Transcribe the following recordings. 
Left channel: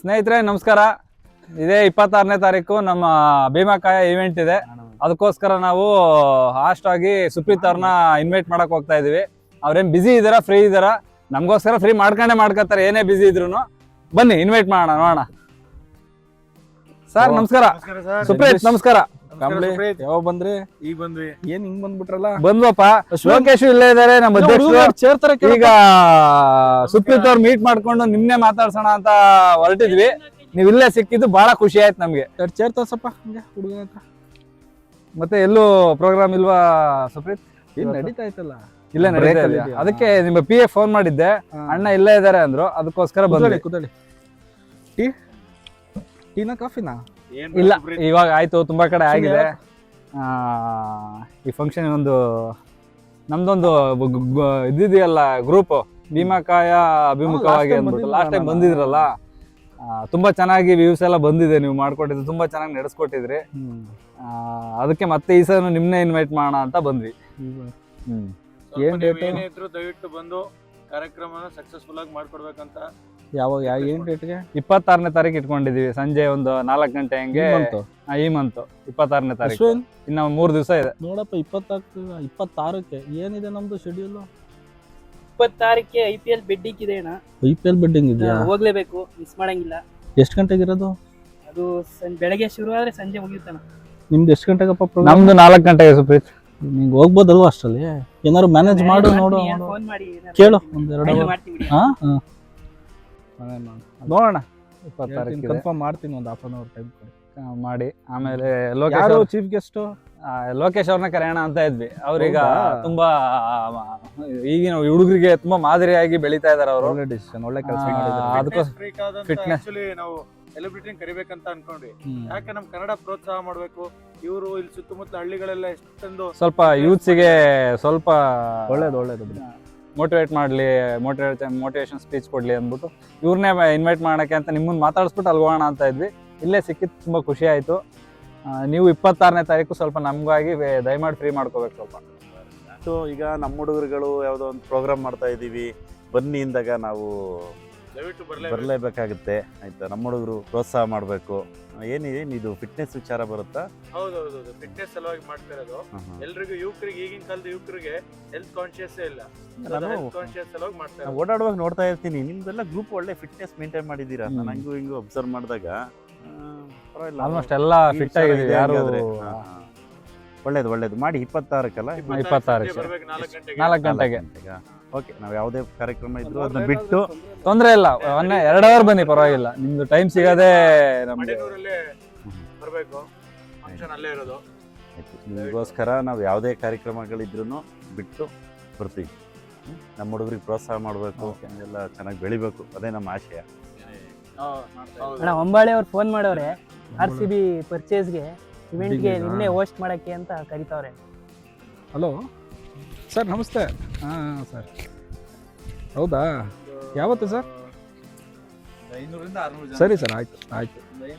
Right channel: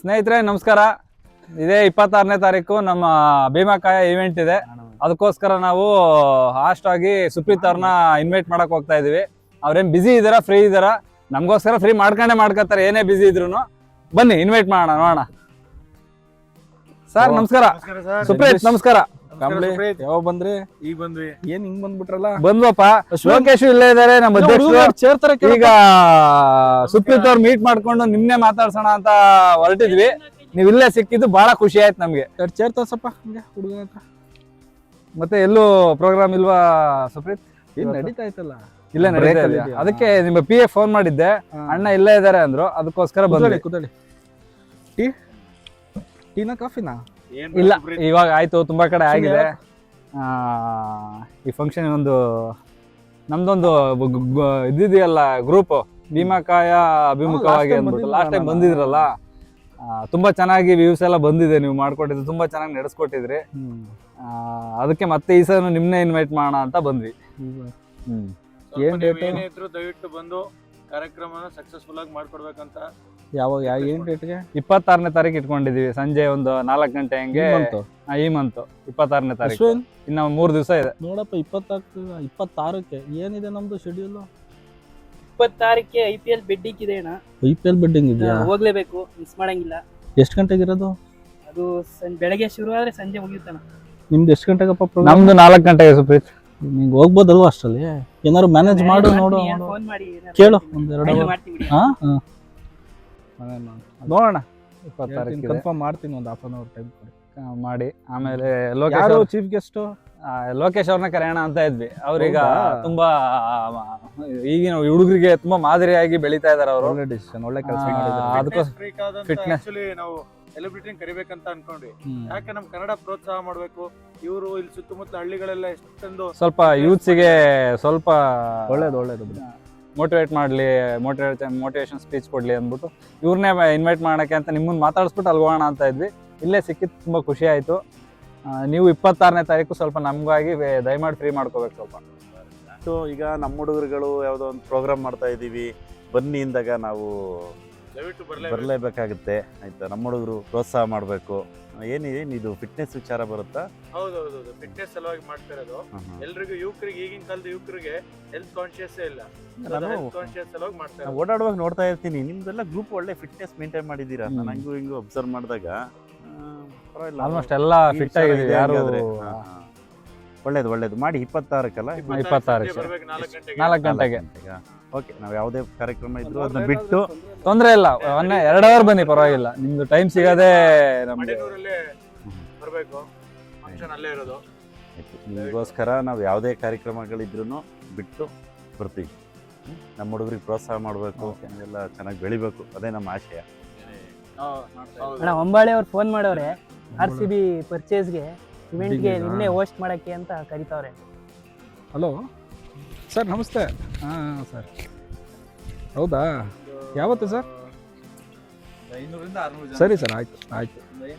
ಸ್ನೇಹಿತರೆ ನಮಸ್ಕಾರ. ಇದೇ 26ನೇ ತಾರೀಕು ನಮ್ಮ ಭೀಮಾಕಾಯ ಇವೆಂಟ್ ಇದೆ. ಅದಕ್ಕೋಸ್ಕರ ನಾವು ಹಾಸ್ಟ್ ಆಗಿ ಸುಪ್ರೀತ್ ಅವ್ರನ್ನ ಇನ್ವೈಟ್ ಮಾಡಕ್ ಹೋಗ್ತಾ ಇದೀವಿ. ಅವ್ರೇನ್ ಬಿಸಿ ಇದಾರ, ಫ್ರೀ ಇದಾರ? ನಮಗೋಸ್ಕರ ಫ್ರೀ ಮಾಡ್ಕೊತಾರೆ, ಏನೇ ಬಿಸಿ ಇದ್ರು. ಬನ್ನಿ ಇನ್ವೈಟ್ ಮಾಡೋಣ. ಸರ್ ನಮಸ್ಕಾರ. ಸುಪ್ರೀತ್ ನಮಸ್ಕಾರ. ಯಾವ ಬಂದ್ರಿ? ಈಗ ಬಂದ್ವಿ. ಏನ್ ಹಿಂಗ್ ಬಂದ್ಬಿಟ್ರಲ್ಲ? ಬಂದ್ವಪ್ಪ. ಲೋಕೇಶ್ ಇಲ್ಲೇ ಇದಾರೆ, ನಮ್ಮ ಅಧ್ಯಕ್ಷರು. ಈಗ ಸುಪ್ರೀತ್ ಅವ್ರು ಮೀಟ್ ಮಾಡ್ಕೊಂಡು ನಿಮ್ನೆ ಮಾತಾಡ್ಸೋಣ ಅಂತ ಹೊರಟಿದ್ವಿ. ನೀವ್ ಇಲ್ಲೇ ಸಿಕ್ಕಿದ್ದು ಬಹಳ ಖುಷಿ ಆಯ್ತು ನಮ್ಗೆ. ಚೇರ್ ತೋರ್ಸಪ್ಪ ಹುಡುಗ ಹತ್ರ. ಮತ್ತೆ ಎಲ್ಲೂ ಪ್ರೋಗ್ರಾಮ್ ಇಲ್ವಾ ಸುಪ್ರೀತ್? ಏನ್ ನಡೀತಾ ಇತ್ತಲ್ಲ? ಇಲ್ಲೇ ನಡೀತಾ ಇದೆಯಾ? ಅದಕ್ಕೆ ನಿಮ್ಮ PA ಫೋನ್ ಮಾಡಿದ್ದೆ, ಅಣ್ಣ ಇಲ್ಲೇ ಇದಾರೆ ಅಂದ್ರು, ಅದಕ್ಕೋಸ್ಕರ ಬಂದ್ವಿ. ಕೂತಳಿ. ಟೀನಾ ಕಾಫಿನಾ? ಇಲ್ಲ, ಇವಾಗ ಆಯ್ತು, ತುಂಬಾ ಕಡೆ ಆಗಿದೆ. ಈ ಫಂಕ್ಷನ್ ಒಂದು ನಮ್ದೊಂದು ಇದಿದೆಯಲ್ಲ ಗ್ರೂಪ್, ಭೀಮಾಕಾಯ ಅಭಿಮುಖವಾಗಿ ಅಂದ್ಬಿಟ್ಟು ಲಾಸ್ಟ್ ಟೈಮ್ ಬಂದಿದ್ರಲ್ಲ, ತುಂಬಾ ಚೆನ್ನಾಗಿ ವ್ಯೂಸ್ ಎಲ್ಲ ಬಂದಿದೆ. ನೀವು ಮಾಡ್ಕೊಟ್ಟಿದ್ದು ತುಂಬಾ ಚೆನ್ನಾಗಿ ನಡೆಸ್ಕೊಟ್ಟಿದ್ರಿ. ಅದಕ್ಕೆ ಮತ್ತೆ ಈ ಸಲ ನಿಮ್ನೆ ಇನ್ವೈಟ್ ಮಾಡೋಣ ಅಂತ ಬಂದ್ವಿ. ಏನೇ ಇದ್ರು ದಯವಿಟ್ಟು ಬಂದು ಕಾರ್ಯಕ್ರಮನ ಸಕ್ಸಸ್ಫುಲ್ ಆಗಿ ಮಾಡ್ಕೊಡ್ಬೇಕಂತ. ಏನ್ ಡೇಟ್ಗೆ? 26ನೇ ತಾರೀಕು ಇಟ್ಕೊಂಡಿದೀವಿ, ಸಂಜೆ ಒಂದು 4 ಗಂಟೆ ಹಂಗೆ. ಈ ಮಂತ್ 26ನೇ ತಾರೀಕು, ಇನ್ನ 3 ದಿವಸ ಇದೆ ನೋಡಪ್ಪ. 26ಕ್ಕೆ ಏನಿದೆ ನಮ್ದು ಶೆಡ್ಯೂಲ್? 26ಕ್ಕೆ IPL ಬೆಡ್ಡಿಂಗ್ ಇದೆ ಅಣ್ಣ. IPL ಬೆಡ್ಡಿಂಗ್ ಇದೆಯಾ? ಹೋಗ್ಲೇಬೇಕು, ಮಿಸ್ ಮಾಡಂಗಿಲ್ಲ. ಎಷ್ಟು ಗಂಟೆಗೆ ಇರೋದು? ಅದು ಬೆಳಗ್ಗೆ ಶುರು ಆದ್ರೆ ಸಂಜೆ ಮುಗಿಯುತ್ತಣ್ಣ. ನಿಮ್ದು ಎಷ್ಟು ಗಂಟೆಗಪ್ಪ ಪ್ರೋಗ್ರಾಮ್? ನಮ್ದು 4 ಗಂಟೆಗೆ ಸುಪ್ರೀತ್. ನಿಂಗೆ ಹೋಗ್ಬೋದಲ್ವಾ ಅಷ್ಟರಲ್ಲಿ? ಏನಾದ್ರು ಮ್ಯಾನೇಜ್ ಮಾಡು, ನೋಡು, ಫೋನ್ ಮಾಡಿ ಕೇಳು. ಒಂದೆರಡು ಮಾಡ್ತೀವಿ. ನೋಡೋಣ. 26 ಕನ್ಫರ್ಮ್ ಮಾಡ್ತೀನಿ, ಒಂದು ಹಾಫ್ ಅನ್ ಅವರ್ ಟೈಮ್ ಕೊಡಿ ಮಾಡಿ. ಆಮೇಲೆ ಚೀಫ್ ಗೆಸ್ಟ್ ಲೋಕೇಶ್ ಅವ್ರನ್ನ ಕರೆಯೋಣ ಅಂತ ಇದ್ವಿ. ಅವ್ರೀಗ ತುಂಬಾ ಈಗಿನ ಹುಡುಗರಿಗೆ ತುಂಬಾ ಮಾದರಿಯಾಗಿ ಬೆಳೀತಾ ಇದಾರೆ ಅವರು. ಒಳ್ಳೆ ಡಿಸಿಷನ್, ಒಳ್ಳೆ ಕೆಲಸ ಫಿಟ್ನೆಸ್ ನಾವು ಸೆಲೆಬ್ರಿಟಿ ಕರಿಬೇಕಂತ ಅನ್ಕೊಂಡ್ವಿ. ಯಾಕೆ ನಮ್ ಕನ್ನಡ ಪ್ರೋತ್ಸಾಹ ಮಾಡ್ಬೇಕು. ಇವರು ಇಲ್ಲಿ ಸುತ್ತಮುತ್ತ ಹಳ್ಳಿಗಳೆಲ್ಲ ಎಷ್ಟೊಂದು ಸ್ವಲ್ಪ ಯೂತ್ಸಿಗೆ ಸ್ವಲ್ಪ ಒಳ್ಳೇದು ಮೋಟಿವೇಟ್ ಮಾಡ್ಲಿ, ಮೋಟಿವೇಶನ್ ಸ್ಪೀಚ್ ಕೊಡ್ಲಿ ಅಂದ್ಬಿಟ್ಟು ಇವ್ರನ್ನೇ ಇನ್ವೈಟ್ ಮಾಡಕ್ಕೆ ಅಂತ ನಿಮ್ಮನ್ನ ಮಾತಾಡಿಸ್ಬಿಟ್ಟು ಅಲ್ಗೋಣ ಅಂತ ಇದ್ವಿ. ಇಲ್ಲೇ ಸಿಕ್ಕಿದ್ದು ತುಂಬಾ ಖುಷಿ ಆಯ್ತು. ನೀವು 26ನೇ ತಾರೀಕು ಸ್ವಲ್ಪ ನಮಗಾಗಿ ದಯಮಾಡಿ ಫ್ರೀ ಮಾಡ್ಕೋಬೇಕು ಸ್ವಲ್ಪ. ಸೊ ಈಗ ನಮ್ಮ ಹುಡುಗರುಗಳು ಯಾವುದೋ ಒಂದು ಪ್ರೋಗ್ರಾಮ್ ಮಾಡ್ತಾ ಇದ್ದೀವಿ, ಬನ್ನಿ ಇಂದಾಗ ನಾವು ಬರಲೇಬೇಕಾಗುತ್ತೆ. ಆಯ್ತಾ? ನಮ್ಮ ಹುಡುಗರು ಪ್ರೋತ್ಸಾಹ ಮಾಡಬೇಕು. ಏನಿದು ಫಿಟ್ನೆಸ್ ವಿಚಾರ ಬರುತ್ತಾ? ಹೌದೌದು, ಫಿಟ್ನೆಸ್ ಸಲುವಾಗಿ ಮಾಡ್ತಾ ಇರೋದು. ಎಲ್ರಿಗೂ ಯುವಕರಿಗೆ, ಈಗಿನ ಕಾಲದ ಯುವಕರಿಗೆ ಹೆಲ್ತ್ ಕಾನ್ಶಿಯಸ್ ಇಲ್ಲ. ಕಾನ್ಶಿಯಸ್ ಸಲುವಾಗಿ ಮಾಡ್ತಾ ಇರೋದು. ಓಡಾಡುವಾಗ ನೋಡ್ತಾ ಇರ್ತೀನಿ, ನಿಮ್ದೆಲ್ಲ ಗ್ರೂಪ್ ಒಳ್ಳೆ ಫಿಟ್ನೆಸ್ ಮೇಂಟೈನ್ ಮಾಡಿದ್ದೀರಾ. ನಾನು ಹಂಗೂ ಹಿಂಗೂ ಅಬ್ಸರ್ವ್ ಮಾಡಿದಾಗ ಆಲ್ಮೋಸ್ಟ್ ಎಲ್ಲ ಫಿಟ್ ಆಗಿದ್ದೀವಿ. ಯಾರು ಒಳ್ಳೇದು ಮಾಡಿ. 26ಕ್ಕಲ್ಲ? 26 4 ಗಂಟೆಗೆ. ಓಕೆ, ನಾವು ಯಾವುದೇ ಕಾರ್ಯಕ್ರಮ ಇದ್ರು ಅದನ್ನ ಬಿಟ್ಟು ತೊಂದ್ರೆ ಇಲ್ಲ, 2 ಅವರ್ ಬನ್ನಿ, ಪರವಾಗಿಲ್ಲ. ನಿಮ್ದು ಟೈಮ್ ಸಿಗದೆ ನಮ್ಗೆ ಬರಬೇಕು. ಫಂಕ್ಷನ್ ಅಲ್ಲೇ ಇರೋದು. ನಿಮಗೋಸ್ಕರ ನಾವು ಯಾವುದೇ ಕಾರ್ಯಕ್ರಮಗಳಿದ್ರು ಬಿಟ್ಟು ಬರ್ತೀವಿ. ನಮ್ಮ ಹುಡುಗರಿಗೆ ಪ್ರೋತ್ಸಾಹ ಮಾಡಬೇಕು, ಎಲ್ಲ ಚೆನ್ನಾಗಿ ಬೆಳಿಬೇಕು, ಅದೇ ನಮ್ಮ ಆಶಯ. ಅಣ್ಣ ಹೊಂಬಾಳೆ ಅವ್ರು ಫೋನ್ ಮಾಡವ್ರೆ, RCB ಪರ್ಚೇಸ್ಗೆ ಇವೆಂಟ್ಗೆ ನಿನ್ನೆ ಹೋಸ್ಟ್ ಮಾಡಕ್ಕೆ ಅಂತ ಕರಿತಾವ್ರೆ. ಹಲೋ ಸರ್, ನಮಸ್ತೆ. ಹಾಂ ಸರ್, ಹೌದಾ? ಯಾವತ್ತು ಸರ್? 500ರಿಂದ 600 ಸರಿ ಸರ್, ಆಯ್ತು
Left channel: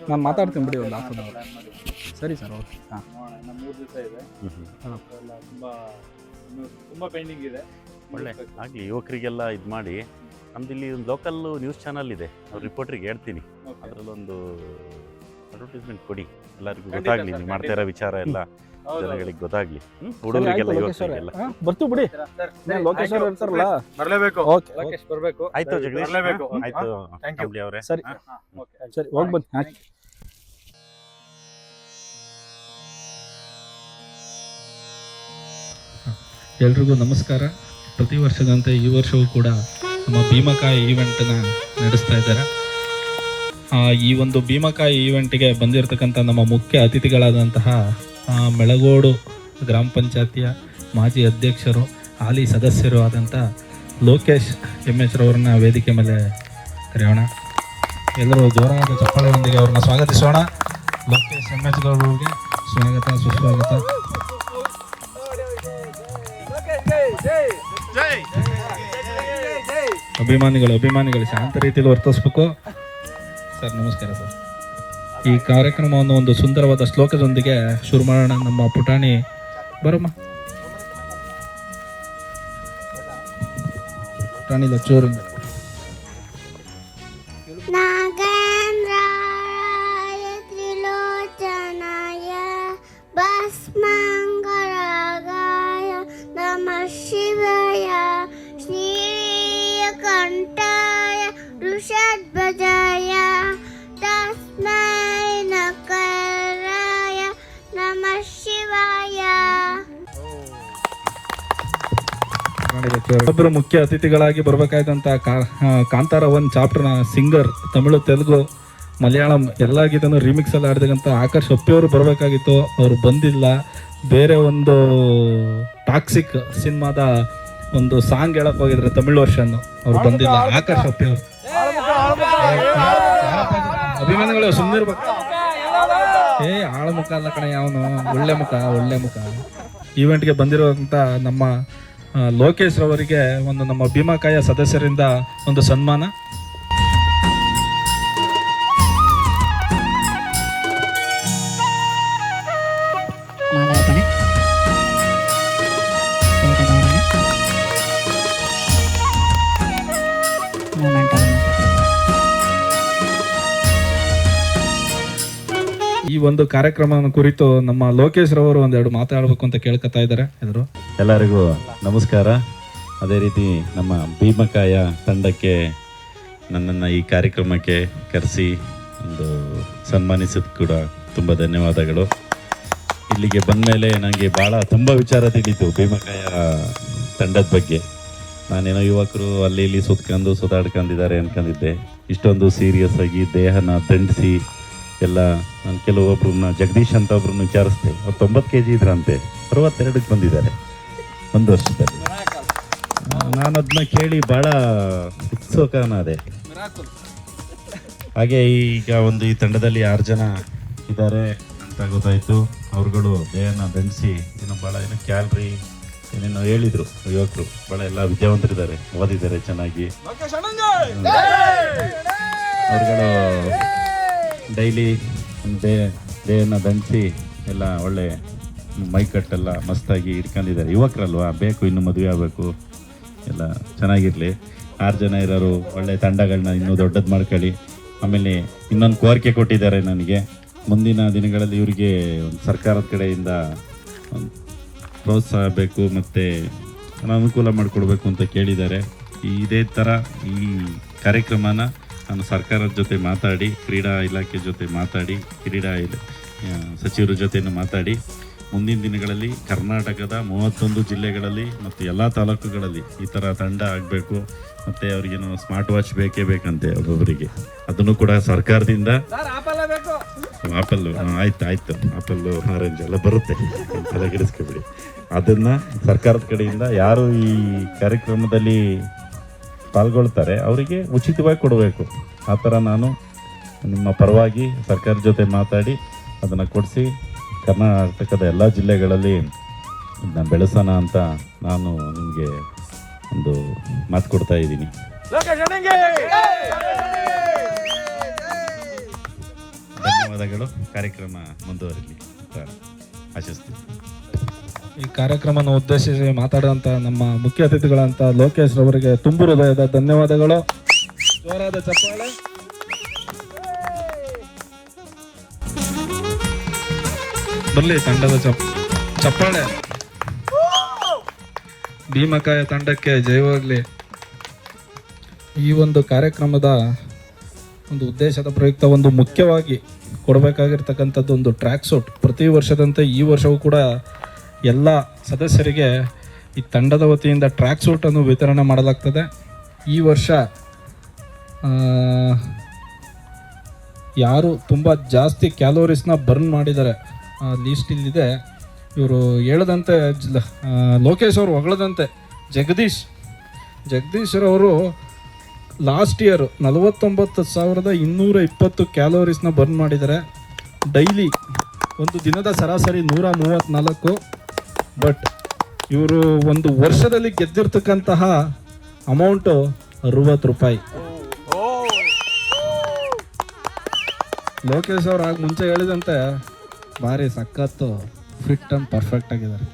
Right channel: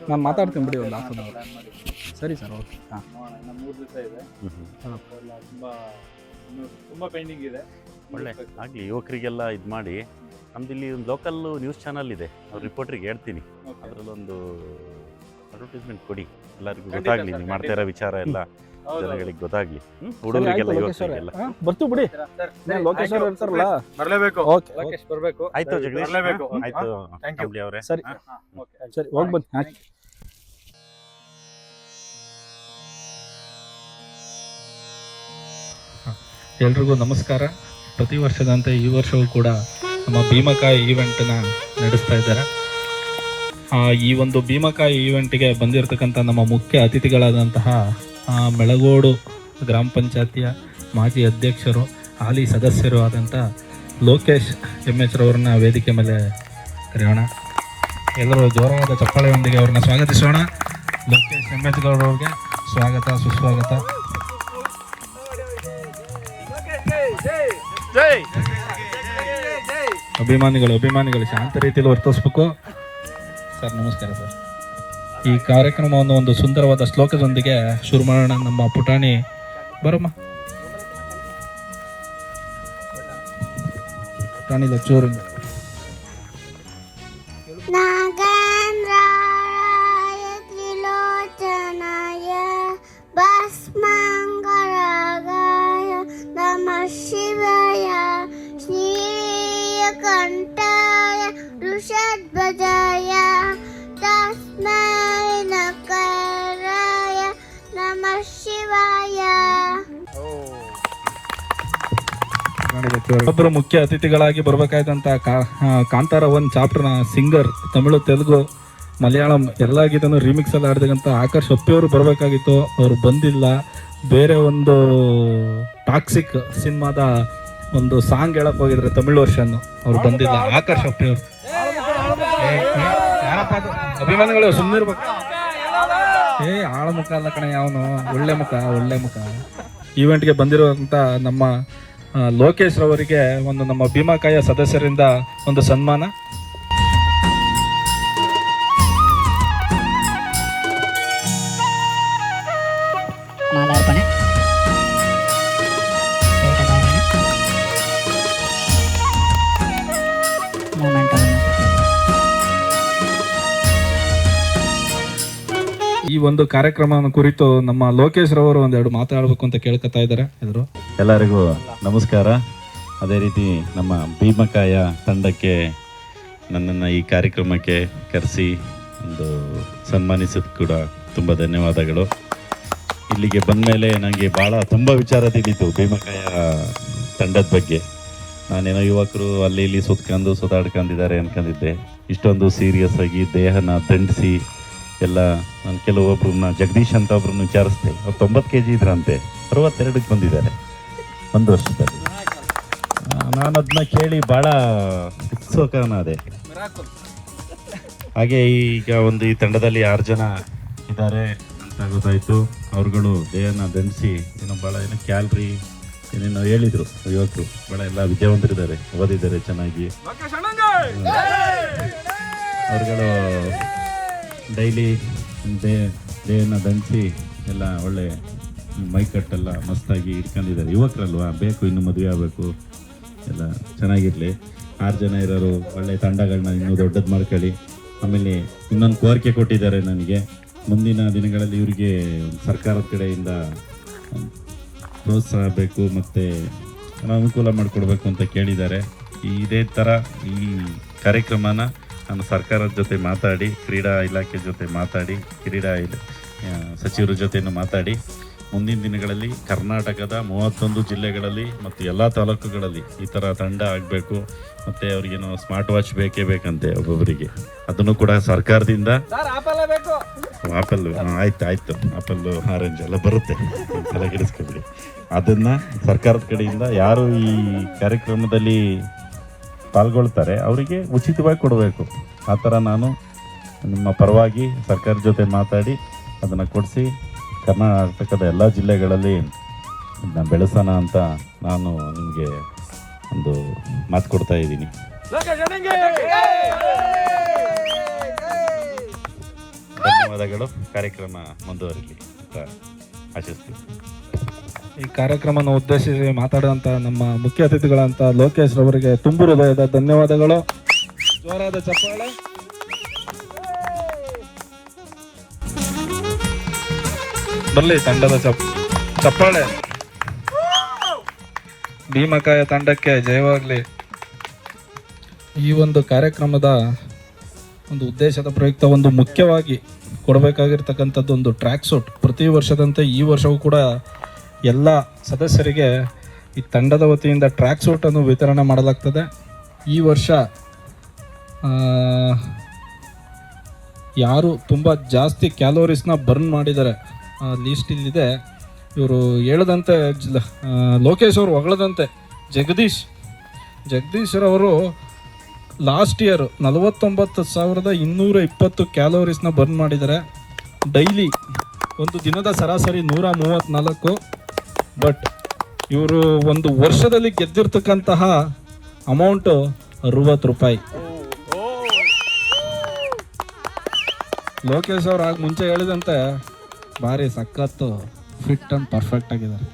ನಾನು ಮಾತಾಡ್ತೀನಿ ಬಿಡಿ, ಒಂದು ಹಾಫ್ ಅನ್ ಅವರ್. ಸರಿ ಸರ್, ಓಕೆ. ಹಾಂ, 3 ದಿವಸ ಇದೆ. ತುಂಬಾ ಪೆಂಡಿಂಗ್ ಇದೆ. ಒಳ್ಳೆ ಆಗಲಿ, ಯುವಕರಿಗೆಲ್ಲ ಇದು ಮಾಡಿ. ನಮ್ದು ಇಲ್ಲಿ ಒಂದು ಲೋಕಲ್ ನ್ಯೂಸ್ ಚಾನಲ್ ಇದೆ, ಅವ್ರ ರಿಪೋರ್ಟ್ರಿಗೆ ಹೇಳ್ತೀನಿ, ಅದರಲ್ಲೊಂದು ಅಡ್ವರ್ಟೈಸ್ಮೆಂಟ್ ಕೊಡಿ, ಎಲ್ಲರಿಗೂ ಗೊತ್ತಾಗ್ಲಿ ನೀವು ಮಾಡ್ತಾ ಇರೋ ವಿಚಾರ ಎಲ್ಲ ಜನಗಳಿಗೆ ಗೊತ್ತಾಗ್ಲಿ, ಹುಡುಗರಿಗೆಲ್ಲ ಯುವಕರಿಗೆಲ್ಲ. ಬರ್ತೀವಿ ಬಿಡಿ, ಲೋಕೇಶ್ ಅವ್ರು ಇರ್ತಾರಲ್ಲ, ಬರಲೇಬೇಕು. ಓಕೆ, ಲೋಕೇಶ್ ಬರಬೇಕು. ಆಯ್ತು ಜಗದೀಶ್, ಬರಲೇಬೇಕು. ಆಯ್ತು ಕಂಬಳಿ ಅವರೇ. ಸರಿ ಸರಿ, ಹೋಗಿ ಬನ್ನಿ. ಎಲ್ರಿಗೂ ನಮಸ್ಕಾರ. ಪ್ರತಿ ವರ್ಷದಂತೆ ಈ ವರ್ಷವೂ ಕೂಡ ನಮ್ಮ ಭೀಮಕಾಯ ಈವೆಂಟನ್ನು ನಡೆಸ್ತಾ ಇದ್ದಾರೆ. ಈ ಒಂದು ಭೀಮಕಾಯ ಈವೆಂಟ್ಗೆ ಬಂದಿರತಕ್ಕಂಥ ನಮ್ಮ ಮುಖ್ಯ ಅತಿಥಿಗಳಾದಂತಹ ಮೆಳಗೋಡು ಗ್ರಾಮ ಪಂಚಾಯತಿಯ ಮಾಜಿ ಅಧ್ಯಕ್ಷರು, ಹಾಲಿ ಸದಸ್ಯರು ಆದಂಥ ಲೋಕೇಶ್ MH ರವರನ್ನ ವೇದಿಕೆ ಮೇಲೆ ಕರೆಯೋಣ. ಎಲ್ಲರೂ ಜೋರಾದ ಚಪ್ಪಾಳೆಯೊಂದಿಗೆ ಅವ್ರನ್ನ ಸ್ವಾಗತಿಸೋಣ. ಲೋಕೇಶ್ MH ಗೌಡರಿಗೆ ಸ್ವಾಗತ, ಸುಸ್ವಾಗತ. ಅಭಿಮಾನಿಗಳು ಶಾಂತ ರೀತಿಯಲ್ಲಿ ವರ್ತಿಸ್ಬೇಕು. ಸರ್ ನಮಸ್ಕಾರ ಸರ್. ಈ ಕಾರ್ಯಕ್ರಮವನ್ನು ಒಂದು ಸುಂದರವಾದ ಶ್ಲೋಕದೊಂದಿಗೆ ಶುರು ಮಾಡೋಣ. ನಮ್ಮ ಪುಟಾಣಿ ಬರಮ್ಮ, ಪುಟಾಣಿ ಲಚ್ಚೂರಿಂದ. ನಾಗನ जय तस्मै नकाराय नमः शिवाय। ಒಬ್ಬರು ಮುಖ್ಯ ಅತಿಥಿಗಳಾಗಿ ಬರಬೇಕಾದಂತ ಕಾಂತಾರ 1 ಚಾಪ್ಟರ್ನ ಸಿಂಗರ್, ತಮಿಳು, ತೆಲುಗು, ಮಲಯಾಳಂ ಎಲ್ಲ ಗೀತನ್ನು ರೀಮಿಕ್ಸ್ ಎಲ್ಲ ಆಡಿದಂಥ ಆಕರ್ಷ್ ಅಪ್ಪಿ ಅವರು ಬರಬೇಕಾಗಿತ್ತು. ಅವರು ಬಂದಿಲ್ಲ. ಬೇರೆ ಒಂದು ಟಾಕ್ಸಿಕ್ ಸಿನಿಮಾದ ಒಂದು ಸಾಂಗ್ ಹೇಳಕ್ ಹೋಗಿದ್ರೆ ತಮಿಳು ವರ್ಷನ್, ಅವ್ರು ಬಂದಿಲ್ಲ. ಆಕರ್ಷ್ ಅಪ್ಪಿ ಅವರು ಅಭಿಮಾನಿಗಳು ಸುಮ್ಮನೆ ಇರ್ಬೇಕು. ಆಳ ಮುಖ ಅಲ್ಲ ಕಣ, ಯಾವನು ಒಳ್ಳೆ ಮುಖ. ಈವೆಂಟ್ಗೆ ಬಂದಿರುವಂತ ನಮ್ಮ ಲೋಕೇಶ್ ಅವರಿಗೆ ಒಂದು ನಮ್ಮ ಭೀಮಕಾಯ ಸದಸ್ಯರಿಂದ ಒಂದು ಸನ್ಮಾನ. ಈ ಒಂದು ಕಾರ್ಯಕ್ರಮವನ್ನು ಕುರಿತು ನಮ್ಮ ಲೋಕೇಶ್ ರವರು ಒಂದೆರಡು ಮಾತಾಡಬೇಕು ಅಂತ ಕೇಳ್ಕೊತಾ ಇದ್ದಾರೆ. ಎದುರು ಎಲ್ಲರಿಗೂ ನಮಸ್ಕಾರ. ಅದೇ ರೀತಿ ನಮ್ಮ ಭೀಮಕಾಯ ತಂಡಕ್ಕೆ ನನ್ನನ್ನು ಈ ಕಾರ್ಯಕ್ರಮಕ್ಕೆ ಕರೆಸಿ ಒಂದು ಸನ್ಮಾನಿಸಿದ ಕೂಡ ತುಂಬ ಧನ್ಯವಾದಗಳು. ಇಲ್ಲಿಗೆ ಬಂದ ಮೇಲೆ ನನಗೆ ತುಂಬ ವಿಚಾರ ತಿಳಿತು ಭೀಮಕಾಯ ತಂಡದ ಬಗ್ಗೆ. ನಾನೇನೋ ಯುವಕರು ಅಲ್ಲಿ ಇಲ್ಲಿ ಸುತ್ತಾಡ್ಕೊಂಡಿದ್ದಾರೆ ಅನ್ಕೊಂಡಿದ್ದೆ. ಇಷ್ಟೊಂದು ಸೀರಿಯಸ್ ಆಗಿ ದೇಹನ ದಂಡಿಸಿ ಎಲ್ಲ ಕೆಲವೊಬ್ಬರನ್ನ ಜಗದೀಶ್ ಅಂತ ಒಬ್ರನ್ನ ವಿಚಾರಿಸ್ದೆ. ಅವ್ರು 90 kg ಇದ್ರಂತೆ, 62ಕ್ಕೆ ಬಂದಿದ್ದಾರೆ 1 ವರ್ಷದಲ್ಲಿ. ನಾನು ಅದನ್ನ ಕೇಳಿ ಭಾಳ ಉತ್ಸುಕನಾದೆ. ಹಾಗೆ ಈಗ ಈ ತಂಡದಲ್ಲಿ 6 ಜನ ಇದ್ದಾರೆ ಅಂತ ಗೊತ್ತಾಯಿತು. ಅವ್ರುಗಳು ದೇಹನ ಬೆಳೆಸಿ ಭಾಳ ಕ್ಯಾಲ್ರಿ ಏನೇನು ಹೇಳಿದರು ಯುವಕರು. ಭಾಳ ಎಲ್ಲ ವಿದ್ಯಾವಂತರಿದ್ದಾರೆ, ಓದಿದ್ದಾರೆ ಚೆನ್ನಾಗಿ. ಅವ್ರುಗಳು ಡೈಲಿ ದೇಹನ ದಂಡಿಸಿ ಎಲ್ಲ ಒಳ್ಳೆ ಮೈಕಟ್ಟೆಲ್ಲ ಮಸ್ತಾಗಿ ಇಟ್ಕೊಂಡಿದ್ದಾರೆ. ಯುವಕರಲ್ವಾ, ಬೇಕು ಇನ್ನು ಮದುವೆ ಆಗಬೇಕು, ಎಲ್ಲ ಚೆನ್ನಾಗಿರಲಿ. 6 ಜನ ಇರೋರು ಒಳ್ಳೆ ತಂಡಗಳನ್ನ ಇನ್ನೂ ದೊಡ್ಡದು ಮಾಡ್ಕೊಳ್ಳಿ. ಆಮೇಲೆ ಇನ್ನೊಂದು ಕೋರಿಕೆ ಕೊಟ್ಟಿದ್ದಾರೆ ನನಗೆ, ಮುಂದಿನ ದಿನಗಳಲ್ಲಿ ಇವರಿಗೆ ಸರ್ಕಾರದ ಕಡೆಯಿಂದ ಪ್ರೋತ್ಸಾಹ ಬೇಕು ಮತ್ತು ಅನುಕೂಲ ಮಾಡಿಕೊಡ್ಬೇಕು ಅಂತ ಕೇಳಿದ್ದಾರೆ. ಇದೇ ಥರ ಈ ಕಾರ್ಯಕ್ರಮನ ನಾನು ಸರ್ಕಾರದ ಜೊತೆ ಮಾತಾಡಿ, ಕ್ರೀಡಾ ಇಲಾಖೆ ಜೊತೆ ಮಾತಾಡಿ, ಕ್ರೀಡಾ ಸಚಿವರ ಜೊತೆನೂ ಮಾತಾಡಿ ಮುಂದಿನ ದಿನಗಳಲ್ಲಿ ಕರ್ನಾಟಕದ 31 ಜಿಲ್ಲೆಗಳಲ್ಲಿ ಮತ್ತು ಎಲ್ಲ ತಾಲೂಕುಗಳಲ್ಲಿ ಈ ಥರ ತಂಡ ಆಗಬೇಕು. ಮತ್ತು ಅವ್ರಿಗೇನು ಸ್ಮಾರ್ಟ್ ವಾಚ್ ಬೇಕೇ ಬೇಕಂತೆ ಒಬ್ಬೊಬ್ಬರಿಗೆ. ಅದನ್ನು ಕೂಡ ಸರ್ಕಾರದಿಂದ ಆಪಲ್ ಆಯ್ತು ಆಪಲ್ ಆರೆಂಜ್ ಎಲ್ಲ ಬರುತ್ತೆ, ತಲೆಗೆಡಿಸ್ಕೊಬಿಡಿ. ಅದನ್ನು ಸರ್ಕಾರದ ಕಡೆಯಿಂದ ಯಾರು ಈ ಕಾರ್ಯಕ್ರಮದಲ್ಲಿ ಪಾಲ್ಗೊಳ್ತಾರೆ ಅವರಿಗೆ ಉಚಿತವಾಗಿ ಕೊಡಬೇಕು. ಆ ಥರ ನಾನು ನಿಮ್ಮ ಪರವಾಗಿ ಸರ್ಕಾರದ ಜೊತೆ ಮಾತಾಡಿ ಅದನ್ನು ಕೊಡಿಸಿ ಕರ್ನಾಟಕದ ಎಲ್ಲ ಜಿಲ್ಲೆಗಳಲ್ಲಿ ಬೆಳೆಸೋಣ ಅಂತ ನಾನು ನಿಮಗೆ ಒಂದು ಮಾತು ಕೊಡ್ತಾ ಇದ್ದೀನಿ. ಧನ್ಯವಾದಗಳು. ಕಾರ್ಯಕ್ರಮ ಮುಂದುವರಿಲಿ ಆಶಿಸ್ತೀನಿ. ಈ ಕಾರ್ಯಕ್ರಮನ ಉದ್ದೇಶಿಸಿ ಮಾತಾಡಿದಂಥ ನಮ್ಮ ಮುಖ್ಯ ಅತಿಥಿಗಳಂತ ಲೋಕೇಶ್ ಅವರಿಗೆ ತುಂಬು ಹೃದಯದ ಧನ್ಯವಾದಗಳು. ಜೋರಾದ ಚಪ್ಪಾಳೆ. ಬರಲಿ ತಂಡದ ಚಪ್ಪಾಳೆ. ಭೀಮಕಾಯ ತಂಡಕ್ಕೆ ಜಯವಾಗಲಿ. ಈ ಒಂದು ಕಾರ್ಯಕ್ರಮದ ಒಂದು ಉದ್ದೇಶದ ಪ್ರಯುಕ್ತ ಒಂದು ಮುಖ್ಯವಾಗಿ ಕೊಡಬೇಕಾಗಿರ್ತಕ್ಕಂಥದ್ದು ಒಂದು ಟ್ರ್ಯಾಕ್ ಸೂಟ್. ಪ್ರತಿ ವರ್ಷದಂತೆ ಈ ವರ್ಷವೂ ಕೂಡ ಎಲ್ಲ ಸದಸ್ಯರಿಗೆ ಈ ತಂಡದ ವತಿಯಿಂದ ಟ್ರ್ಯಾಕ್ ಸೂಟನ್ನು ವಿತರಣೆ ಮಾಡಲಾಗ್ತದೆ. ಈ ವರ್ಷ ಯಾರು ತುಂಬ ಜಾಸ್ತಿ ಕ್ಯಾಲೋರೀಸ್ನ ಬರ್ನ್ ಮಾಡಿದ್ದಾರೆ ಲೀಸ್ಟ್ ಇಲ್ಲಿದೆ. ಇವರು ಹೇಳದಂತೆ ಲೋಕೇಶ್ ಅವರು ಹೊಗಳದಂತೆ ಜಗದೀಶ್ರವರು ಲಾಸ್ಟ್ ಇಯರ್ 49,220 ಕ್ಯಾಲೋರೀಸ್ನ ಬರ್ನ್ ಮಾಡಿದ್ದಾರೆ. ಡೈಲಿ ಒಂದು ದಿನದ ಸರಾಸರಿ 134. ಬಟ್ ಇವರು ಒಂದು ವರ್ಷದಲ್ಲಿ ಗೆದ್ದಿರ್ತಕ್ಕಂತಹ ಅಮೌಂಟು 60 ರೂಪಾಯಿ. ಲೋಕೇಶ್ ಅವರು ಆಗ ಮುಂಚೆ ಹೇಳಿದಂತೆ ಭಾರಿ ಸಖತ್ತು ಫಿಟ್ ಅಂಡ್ ಪರ್ಫೆಕ್ಟ್ ಆಗಿದ್ದಾರೆ.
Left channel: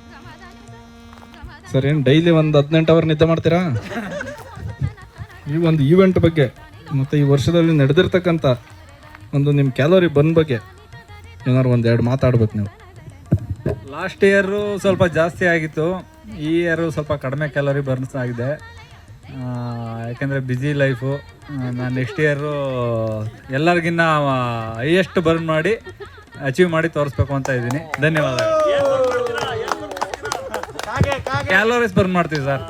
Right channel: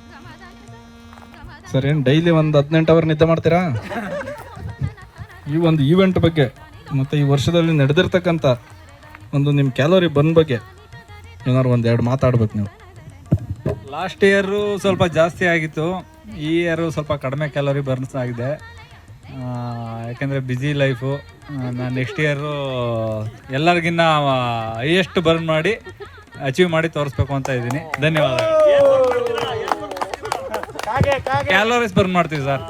ಸರ್, ಏನು ಡೈಲಿ ಒಂದು 18 ಅವರ್ ನಿದ್ದೆ ಮಾಡ್ತೀರಾ? ಈ ಒಂದು ಈವೆಂಟ್ ಬಗ್ಗೆ ಮತ್ತು ಈ ವರ್ಷದಲ್ಲಿ ನಡೆದಿರ್ತಕ್ಕಂಥ ಒಂದು ನಿಮ್ಮ ಕ್ಯಾಲೋರಿ ಬರ್ನ್ ಬಗ್ಗೆ ಏನಾದ್ರು 1-2 ಮಾತಾಡ್ಬೇಕು ನೀವು. ಲಾಸ್ಟ್ ಇಯರು ಸ್ವಲ್ಪ ಜಾಸ್ತಿ ಆಗಿತ್ತು, ಈ ಇಯರು ಸ್ವಲ್ಪ ಕಡಿಮೆ ಕ್ಯಾಲೋರಿ ಬರ್ನ್ಸ್ ಆಗಿದೆ. ಯಾಕೆಂದರೆ ಬ್ಯುಸಿ ಲೈಫು. ನಾನು ನೆಕ್ಸ್ಟ್ ಇಯರು ಎಲ್ಲರಿಗಿನ್ನ ಹೈಯೆಸ್ಟ್ ಬರ್ನ್ ಮಾಡಿ ಅಚೀವ್ ಮಾಡಿ ತೋರಿಸ್ಬೇಕು ಅಂತ ಇದ್ದೀನಿ. ಧನ್ಯವಾದಗಳು. ಕ್ಯಾಲೋರೀಸ್ ಬರ್ನ್ ಮಾಡ್ತೀವಿ ಸರ್.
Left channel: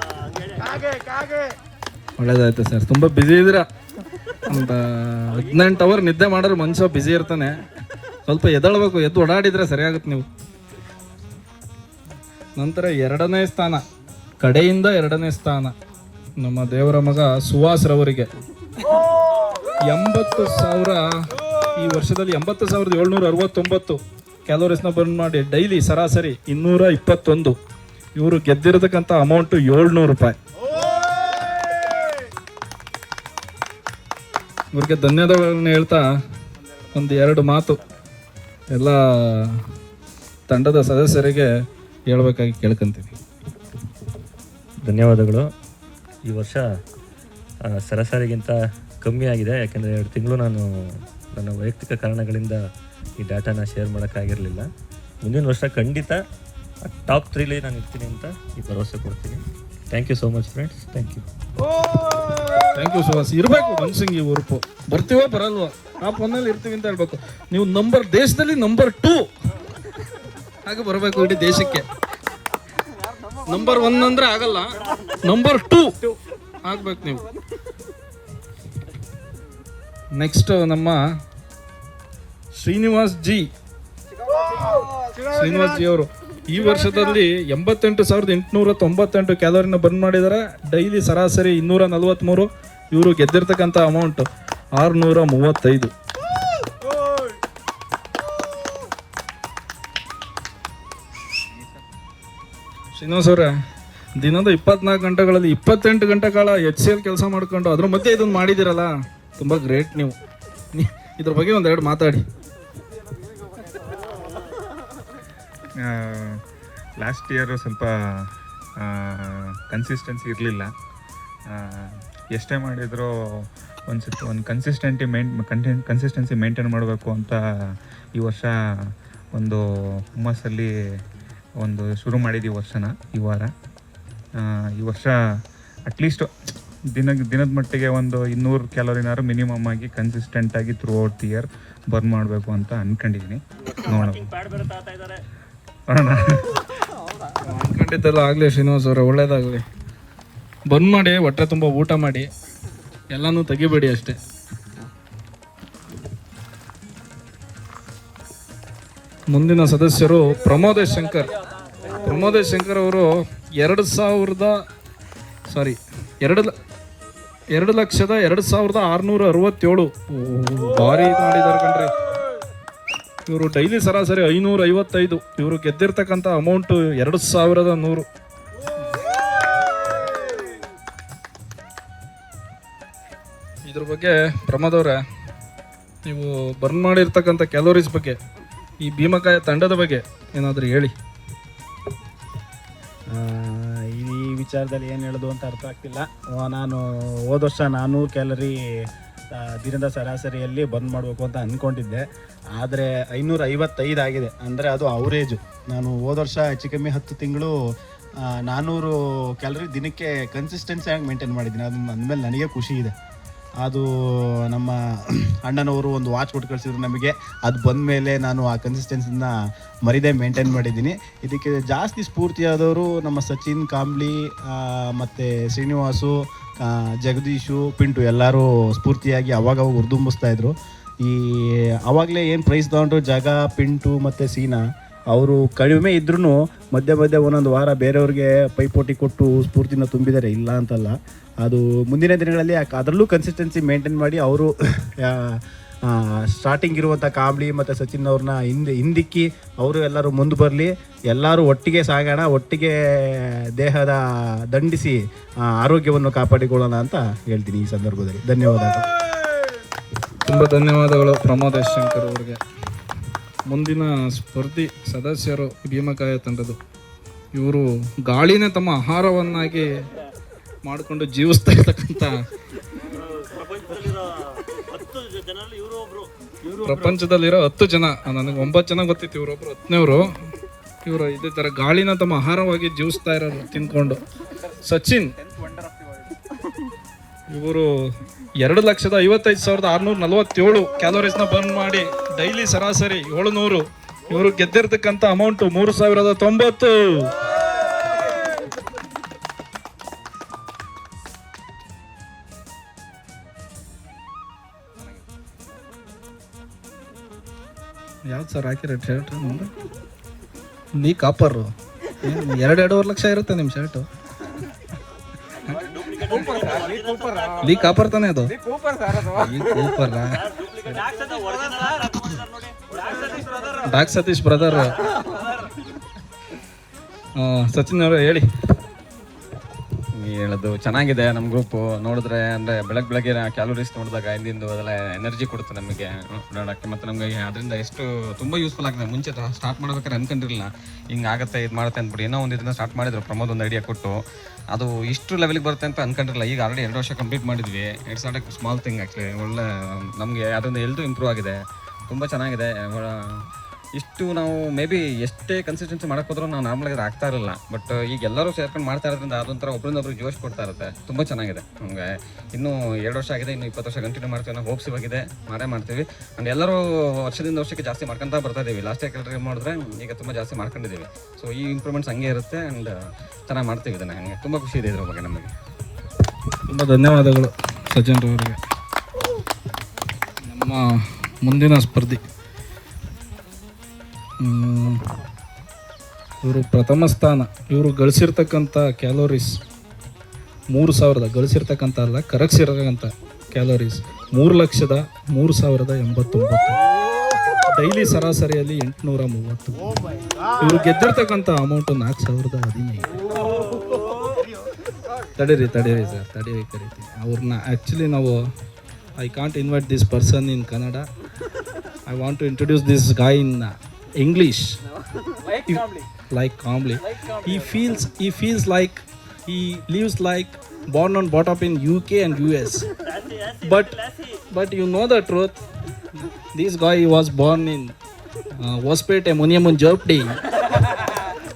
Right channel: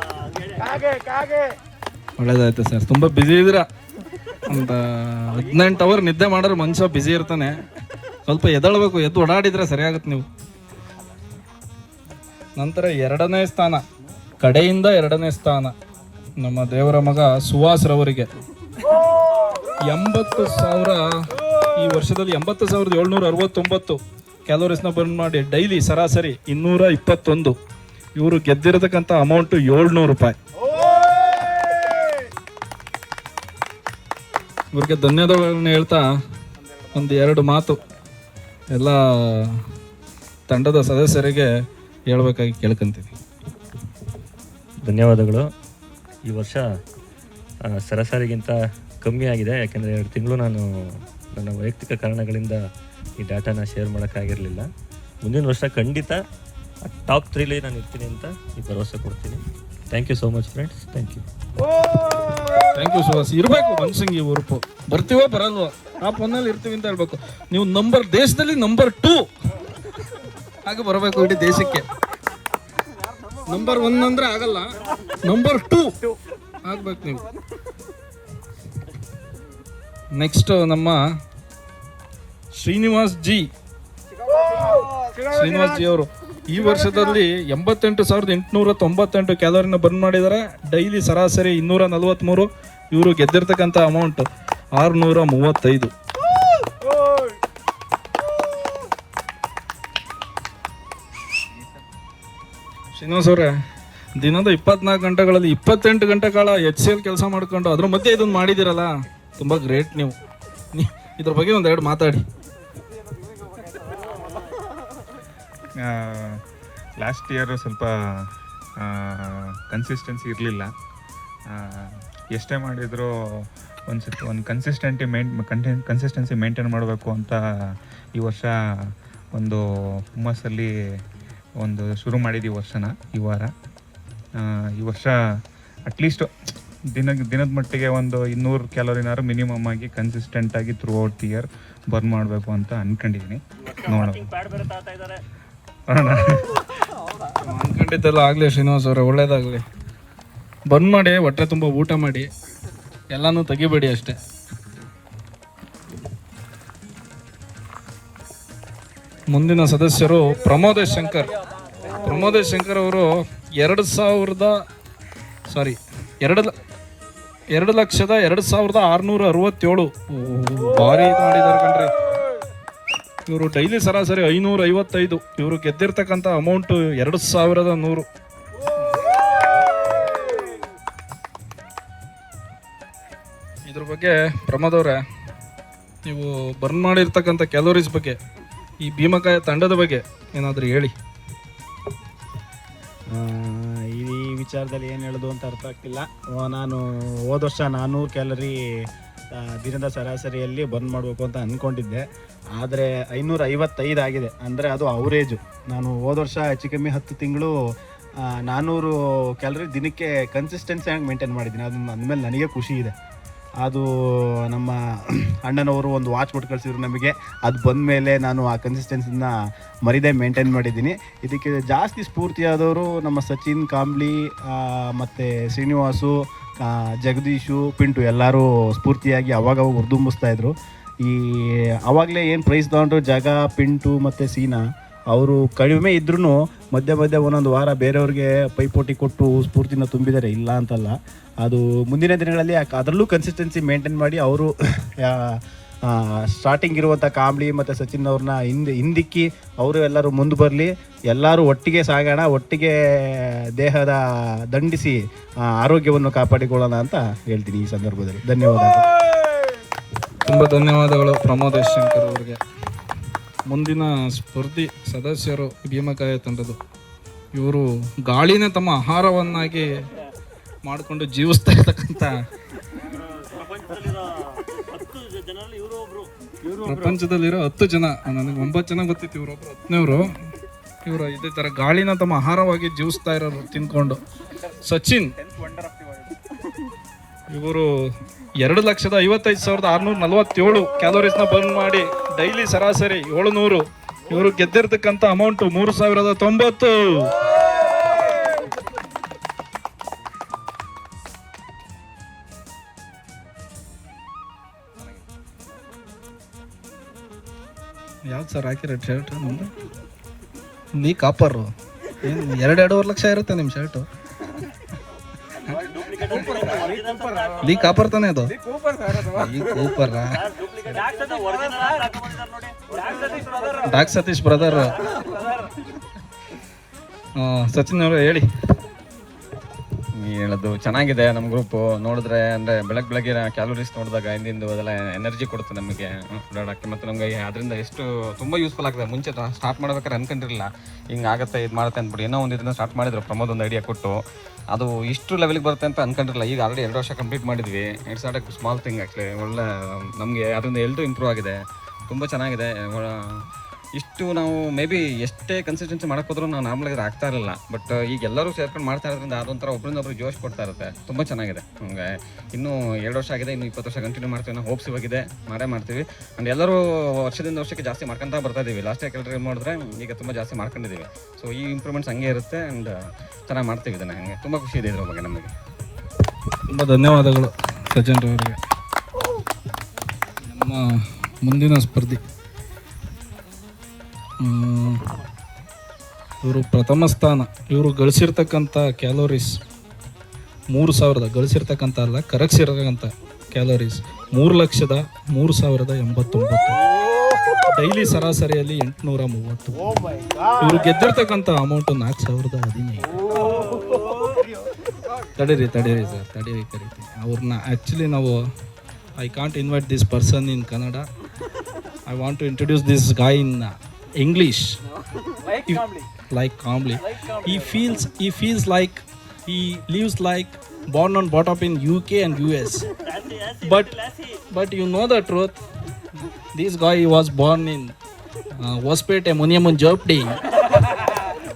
ಒಳ್ಳೇದಾಯ್ತು ಸರ್. ತುಂಬ ಬ್ಯುಸಿ ಇದ್ದೀರಾ. ಒಂದು 18 ಅವರ್ ನಿದ್ದೆ ಮಾಡಿದ್ರೆ ಮನುಷ್ಯ ಬ್ಯುಸಿ ಇರ್ತಾನೆ. ಸ್ವಲ್ಪ ಎದ್ದೇಳಬೇಕು, ಎದ್ದು ಓಡಾಡಿದ್ರೆ ಸರಿಯಾಗುತ್ತೆ ನೀವು. ನಂತರ 2ನೇ ಸ್ಥಾನ, ಕಡೆಯಿಂದ 2ನೇ ಸ್ಥಾನ ನಮ್ಮ ದೇವರ ಮಗ ಸುಹಾಸ್ರವರಿಗೆ 80,000. ಈ ವರ್ಷದಲ್ಲಿ 80,769 ಕ್ಯಾಲೋರೀಸ್ನ ಬರ್ನ್ ಮಾಡಿ ಡೈಲಿ ಸರಾಸರಿ 221. ಇವರು ಗೆದ್ದಿರತಕ್ಕಂಥ ಅಮೌಂಟು 700 ರೂಪಾಯಿ. ಇವ್ರಿಗೆ ಧನ್ಯವಾದಗಳನ್ನು ಹೇಳ್ತಾ 1-2 ಮಾತು ಎಲ್ಲ ತಂಡದ ಸದಸ್ಯರಿಗೆ ಹೇಳ್ಬೇಕಾಗಿ ಕೇಳ್ಕೊಂತೀವಿ. ಧನ್ಯವಾದಗಳು. ಈ ವರ್ಷ ಸರಾಸರಿಗಿಂತ ಕಮ್ಮಿ ಆಗಿದೆ, ಯಾಕೆಂದರೆ 2 ತಿಂಗಳು ನಾನು ನನ್ನ ವೈಯಕ್ತಿಕ ಕಾರಣಗಳಿಂದ ಈ ಡಾಟಾನ ಶೇರ್ ಮಾಡೋಕ್ಕಾಗಿರಲಿಲ್ಲ. ಮುಂದಿನ ವರ್ಷ ಖಂಡಿತ ಟಾಪ್ 3 ನಾನು ಇರ್ತೀನಿ ಅಂತ ಈ ಭರವಸೆ ಕೊಡ್ತೀನಿ. Thank you so much friends. Thank you Suhas. ಇರಬೇಕು ಮನ್ಸಂಗಿ ಉರುಪು. ಬರ್ತೀವೋ ಬರಲ್ವೋ ಟಾಪ್ 1 ಇರ್ತೀವಿ ಅಂತ ಹೇಳ್ಬೇಕು. ನೀವು ದೇಶದಲ್ಲಿ ನಂಬರ್ 2 ಹಾಗೆ ಬರಬೇಕು ಇಡೀ ದೇಶಕ್ಕೆ. ನಂಬರ್ 1 ಅಂದ್ರೆ ಆಗಲ್ಲ, ನಂಬರ್ 2 ಆಗ್ಬೇಕು ನೀವು. ನೆಕ್ಸ್ಟ್ ನಮ್ಮ ಶ್ರೀನಿವಾಸ್ ಜಿ ಅವರು ಈ ವರ್ಷದಲ್ಲಿ 88,898 ಕ್ಯಾಲೋರಿನ ಬರ್ನ್ ಮಾಡಿದ್ದಾರೆ. ಡೈಲಿ ಸರಾಸರಿ 243. ಇವರು ಗೆದ್ದಿರ್ತಕ್ಕಂಥ ಅಮೌಂಟ್ 635. ಶ್ರೀನಿವಾಸ್ ಅವರೇ, ದಿನದ 24 ಗಂಟೆಗಳಲ್ಲಿ 28 ಗಂಟೆ ಕಾಲ HCL ಕೆಲಸ ಮಾಡ್ಕೊಂಡು ಅದ್ರ ಮಧ್ಯೆ ಇದನ್ನು ಮಾಡಿದಿರಲ್ಲ, ತುಂಬ ಗ್ರೇಟ್ ನೀವು. ಇದ್ರ ಬಗ್ಗೆ 1-2 ಮಾತಾಡಿ. ಲಾಸ್ಟ್ ಇಯರು ಸ್ವಲ್ಪ ಕನ್ಸಿಸ್ಟೆನ್ಸಿ ಇರಲಿಲ್ಲ. ಎಷ್ಟೇ ಮಾಡಿದರೂ ಒಂದು ಕನ್ಸಿಸ್ಟೆನ್ಸಿ ಮೇಂಟೈನ್ ಮಾಡಬೇಕು ಅಂತ ಈ ವರ್ಷ ಒಂದು ಹುಮ್ಮಸ್ಸಲ್ಲಿ ಶುರು ಮಾಡಿದ್ದೀವಿ ಈ ವಾರ. ಈ ವರ್ಷ ಅಟ್ಲೀಸ್ಟ್ ದಿನದ ಮಟ್ಟಿಗೆ 200 ಕ್ಯಾಲೋರಿನಾರು ಮಿನಿಮಮ್ ಆಗಿ ಕನ್ಸಿಸ್ಟೆಂಟಾಗಿ throughout the year burn ಮಾಡಬೇಕು ಅಂತ ಅಂದ್ಕೊಂಡಿದ್ದೀನಿ. ಖಂಡಿತ ಆಗಲಿ ಶ್ರೀನಿವಾಸ್ ಅವರೇ, ಒಳ್ಳೇದಾಗಲಿ. ಬರ್ನ್ ಮಾಡಿ, ಹೊಟ್ಟೆ ತುಂಬ ಊಟ ಮಾಡಿ, ಎಲ್ಲನೂ ತೆಗಿಬೇಡಿ ಅಷ್ಟೇ. ಮುಂದಿನ ಸದಸ್ಯರು ಪ್ರಮೋದೇಶ್ ಶಂಕರ್ ಅವರು 2,02,667 ಭಾರಿ ಇದು ಮಾಡಿದ್ದಾರೆ ಕಣ್ರಿ. ಇವರು ಡೈಲಿ ಸರಾಸರಿ 555. ಇವರು ಗೆದ್ದಿರ್ತಕ್ಕಂಥ ಅಮೌಂಟು 2,100. ಇದ್ರ ಬಗ್ಗೆ ಪ್ರಮೋದ್ ಅವರೇ, ನೀವು ಬರ್ನ್ ಮಾಡಿರ್ತಕ್ಕಂಥ ಕ್ಯಾಲೋರೀಸ್ ಬಗ್ಗೆ, ಈ ಭೀಮಕಾಯ ತಂಡದ ಬಗ್ಗೆ ಏನಾದರೂ ಹೇಳಿ. ಈ ವಿಚಾರದಲ್ಲಿ ಏನು ಹೇಳೋದು ಅಂತ ಅರ್ಥ ಆಗ್ತಿಲ್ಲ. ನಾನು ಹೋದ ವರ್ಷ 400 ಕ್ಯಾಲರಿ ದಿನದ ಸರಾಸರಿಯಲ್ಲಿ ಬರ್ನ್ ಮಾಡಬೇಕು ಅಂತ ಅಂದ್ಕೊಂಡಿದ್ದೆ. ಆದರೆ 555 ಆಗಿದೆ. ಅಂದರೆ ಅದು ಅವರೇಜು. ನಾನು ಹೋದ ವರ್ಷ ಹೆಚ್ಚು ಕಮ್ಮಿ 10 ತಿಂಗಳು 400 ಕ್ಯಾಲರಿ ದಿನಕ್ಕೆ ಕನ್ಸಿಸ್ಟೆನ್ಸಿಯಾಗಿ ಮೇಂಟೈನ್ ಮಾಡಿದ್ದೀನಿ. ಅದು ಅಂದಮೇಲೆ ನನಗೆ ಖುಷಿ ಇದೆ. ಅದು ನಮ್ಮ ಅಣ್ಣನವರು ಒಂದು ವಾಚ್ ಕೊಟ್ಟು ಕಳಿಸಿದ್ರು ನಮಗೆ. ಅದು ಬಂದ ಮೇಲೆ ನಾನು ಆ ಕನ್ಸಿಸ್ಟೆನ್ಸಿನ ಮರಿದೇ ಮೇಂಟೈನ್ ಮಾಡಿದ್ದೀನಿ. ಇದಕ್ಕೆ ಜಾಸ್ತಿ ಸ್ಫೂರ್ತಿಯಾದವರು ನಮ್ಮ ಸಚಿನ್, ಕಾಂಬ್ಳಿ, ಮತ್ತು ಶ್ರೀನಿವಾಸು, ಜಗದೀಶು, ಪಿಂಟು ಎಲ್ಲರೂ ಸ್ಫೂರ್ತಿಯಾಗಿ ಅವಾಗ ಹುರಿದುಂಬಿಸ್ತಾಯಿದ್ರು. ಆವಾಗಲೇ ಏನು ಪ್ರೈಸ್ ತೊಗೊಂಡ್ರು ಜಗ, ಪಿಂಟು ಮತ್ತು ಸೀನಾ, ಅವರು ಕಡಿಮೆ ಇದ್ರೂ ಮಧ್ಯೆ ಒಂದೊಂದು ವಾರ ಬೇರೆಯವ್ರಿಗೆ ಪೈಪೋಟಿ ಕೊಟ್ಟು ಸ್ಫೂರ್ತಿನ ತುಂಬಿದ್ದಾರೆ, ಇಲ್ಲ ಅಂತಲ್ಲ. ಅದು ಮುಂದಿನ ದಿನಗಳಲ್ಲಿ ಅದರಲ್ಲೂ ಕನ್ಸಿಸ್ಟೆನ್ಸಿ ಮೇಂಟೈನ್ ಮಾಡಿ ಅವರು ಸ್ಟಾರ್ಟಿಂಗ್ ಇರುವಂಥ ಕಾಂಬ್ಳಿ ಮತ್ತು ಸಚಿನ್ ಅವ್ರನ್ನ ಹಿಂದಿಕ್ಕಿ ಅವರು ಎಲ್ಲರೂ ಮುಂದೆ ಬರಲಿ. ಎಲ್ಲರೂ ಒಟ್ಟಿಗೆ ಸಾಗೋಣ, ಒಟ್ಟಿಗೆ ದೇಹದ ದಂಡಿಸಿ ಆರೋಗ್ಯವನ್ನು ಕಾಪಾಡಿಕೊಳ್ಳೋಣ ಅಂತ ಹೇಳ್ತೀನಿ ಈ ಸಂದರ್ಭದಲ್ಲಿ. ಧನ್ಯವಾದಗಳು. ತುಂಬ ಧನ್ಯವಾದಗಳು ಪ್ರಮೋದೇಶ್ ಶಂಕರ್ ಅವರಿಗೆ. ಮುಂದಿನ ಸ್ಪರ್ಧಿ ಸದಸ್ಯರು ಭೀಮಕಾಯ ತಂಡದ ಇವರು ಗಾಳಿನೇ ತಮ್ಮ ಆಹಾರವನ್ನಾಗಿ ಮಾಡಿಕೊಂಡು ಜೀವಿಸ್ತಾ ಇರ್ತಕ್ಕಂಥ ಪ್ರಪಂಚದಲ್ಲಿರೋ 10 ಜನ, ನನಗೆ 9 ಜನ ಗೊತ್ತಿತ್ತು, ಇವರೊಬ್ರು 10ನೇವರು. ಇವರು ಇದೇ ಥರ ಗಾಳಿನ ತಮ್ಮ ಆಹಾರವಾಗಿ ಜೀವಿಸ್ತಾ ಇರೋರು ತಿನ್ಕೊಂಡು. ಸಚಿನ್ ಇವರು 2,55,647 ಕ್ಯಾಲೋರೀಸ್ನ ಬರ್ನ್ ಮಾಡಿ ಡೈಲಿ ಸರಾಸರಿ 700. ಇವರು ಗೆದ್ದಿರ್ತಕ್ಕಂಥ ಅಮೌಂಟು 3,090. ಯಾವ್ದು ಸರ್ ಹಾಕಿ ರೆಡ್ ಶರ್ಟ್? ನೀ ಕಾಪರ್ 2.5 ಲಕ್ಷ ಇರುತ್ತೆ ನಿಮ್ಮ ಶರ್ಟು. ಲೀ ಕಾಪರ್ ತಾನೆ ಇದು? Dock Satish brother. ಸಚಿನ್ ಅವರು ಹೇಳಿ. ಹೇಳೋದು ಚೆನ್ನಾಗಿದೆ. ನಮ್ಮ ಗ್ರೂಪ್ ನೋಡಿದ್ರೆ ಅಂದರೆ ಬೆಳಗ್ಗೆ ಕ್ಯಾಲೋರೀಸ್ ನೋಡಿದಾಗ ಹಿಂದಿಂದು ಅದೆಲ್ಲ ಎನರ್ಜಿ ಕೊಡುತ್ತೆ ನಮಗೆ ನೋಡೋಕ್ಕೆ. ಮತ್ತು ನಮಗೆ ಅದರಿಂದ ಎಷ್ಟು ತುಂಬ ಯೂಸ್ಫುಲ್ ಆಗಿದೆ. ಮುಂಚೆ ಸ್ಟಾರ್ಟ್ ಮಾಡ್ಬೇಕಾದ್ರೆ ಅನ್ಕೊಂಡಿರಲಿಲ್ಲ ಹಿಂಗೆ ಆಗುತ್ತೆ, ಇದು ಮಾಡುತ್ತೆ ಅಂದ್ಬಿಟ್ಟು. ಏನೋ ಒಂದು ಇದನ್ನ ಸ್ಟಾರ್ಟ್ ಮಾಡಿದ್ರು ಪ್ರಮೋದ್, ಒಂದು ಐಡಿಯಾ ಕೊಟ್ಟು. ಅದು ಇಷ್ಟು ಲೆವೆಲ್ಗೆ ಬರುತ್ತೆ ಅಂತ ಅನ್ಕೊಂಡಿರಲಿಲ್ಲ. ಈಗ ಆಲ್ರೆಡಿ 2 ವರ್ಷ ಕಂಪ್ಲೀಟ್ ಮಾಡಿದ್ವಿ. It's not A small thing actually. ಒಳ್ಳೆ ನಮಗೆ ಅದರಿಂದ ಹೆಲ್ತ್ ಇಂಪ್ರೂವ್ ಆಗಿದೆ, ತುಂಬ ಚೆನ್ನಾಗಿದೆ. ಇಷ್ಟು ನಾವು ಮೇ ಬಿ ಎಷ್ಟೇ ಕನ್ಸಿಸ್ಟೆನ್ಸಿ ಮಾಡೋಕ್ಕೋದ್ರೂ ನಾವು ನಾರ್ಮಲಾಗಿ ಅದು ಆಗ್ತಾ ಇರಲಿಲ್ಲ. ಬಟ್ ಈಗ ಎಲ್ಲರೂ ಸೇರ್ಕೊಂಡು ಮಾಡ್ತಾ ಇರೋದ್ರಿಂದ ಅದೊಂಥರ ಒಬ್ಬರಿಂದೊಬ್ರು ಜೋಶ್ ಕೊಡ್ತಾ ಇರುತ್ತೆ. ತುಂಬ ಚೆನ್ನಾಗಿದೆ. ನಮಗೆ ಇನ್ನೂ 2 ವರ್ಷ ಆಗಿದೆ, ಇನ್ನೂ 20 ವರ್ಷ ಕಂಟಿನ್ಯೂ ಮಾಡ್ತೀವಿ ನಾವು. ಹೋಪ್ಸ್ ಇವಾಗಿದೆ, ಮಾಡೇ ಮಾಡ್ತೀವಿ. ಆ್ಯಂಡ್ ಎಲ್ಲರೂ ವರ್ಷದಿಂದ ವರ್ಷಕ್ಕೆ ಜಾಸ್ತಿ ಮಾಡ್ಕೊತಾ ಬರ್ತಾ ಇದ್ದೀವಿ. ಲಾಸ್ಟ್ ಟೈಮ್ ಮಾಡಿದ್ರೆ ಈಗ ತುಂಬ ಜಾಸ್ತಿ ಮಾಡ್ಕೊಂಡಿದ್ದೀವಿ. ಸೊ ಈ ಇಂಪ್ರೂವ್ಮೆಂಟ್ಸ್ ಹಂಗೆ ಇರುತ್ತೆ. ಆ್ಯಂಡ್ ಚೆನ್ನಾಗಿ ಮಾಡ್ತೀವಿ ಇದನ್ನು. ನನಗೆ ತುಂಬ ಖುಷಿ ಇದೆ ಇದ್ರ ಬಗ್ಗೆ. ನಮಗೆ ತುಂಬ ಧನ್ಯವಾದಗಳು ಸಜ್ಜನ್ ಅವರಿಗೆ. ನಮ್ಮ ಮುಂದಿನ ಸ್ಪರ್ಧಿ ಇವರು ಪ್ರಥಮ ಸ್ಥಾನ. ಇವರು ಗಳಿಸಿರ್ತಕ್ಕಂಥ ಕ್ಯಾಲೋರೀಸ್ 3,000 ಗಳಿಸಿರ್ತಕ್ಕಂಥ ಅಲ್ಲ, ಕರಗಿಸಿರ್ತಕ್ಕಂಥ ಕ್ಯಾಲೋರೀಸ್ 3,03,089. ಡೈಲಿ ಸರಾಸರಿಯಲ್ಲಿ 830. ಇವರು ಗೆದ್ದಿರ್ತಕ್ಕಂಥ ಅಮೌಂಟು 4,015. ತಡೀರಿ ಸರ್, ತಡೀರಿ. ಅವ್ರನ್ನ ಆ್ಯಕ್ಚುಲಿ ನಾವು I can't invite this person in Kannada. I want to introduce this guy in English. Like calmly. He feels like he lives like born and brought up in UK and US. But you know the truth. This guy was born in Hospet Muniamun Jopdi.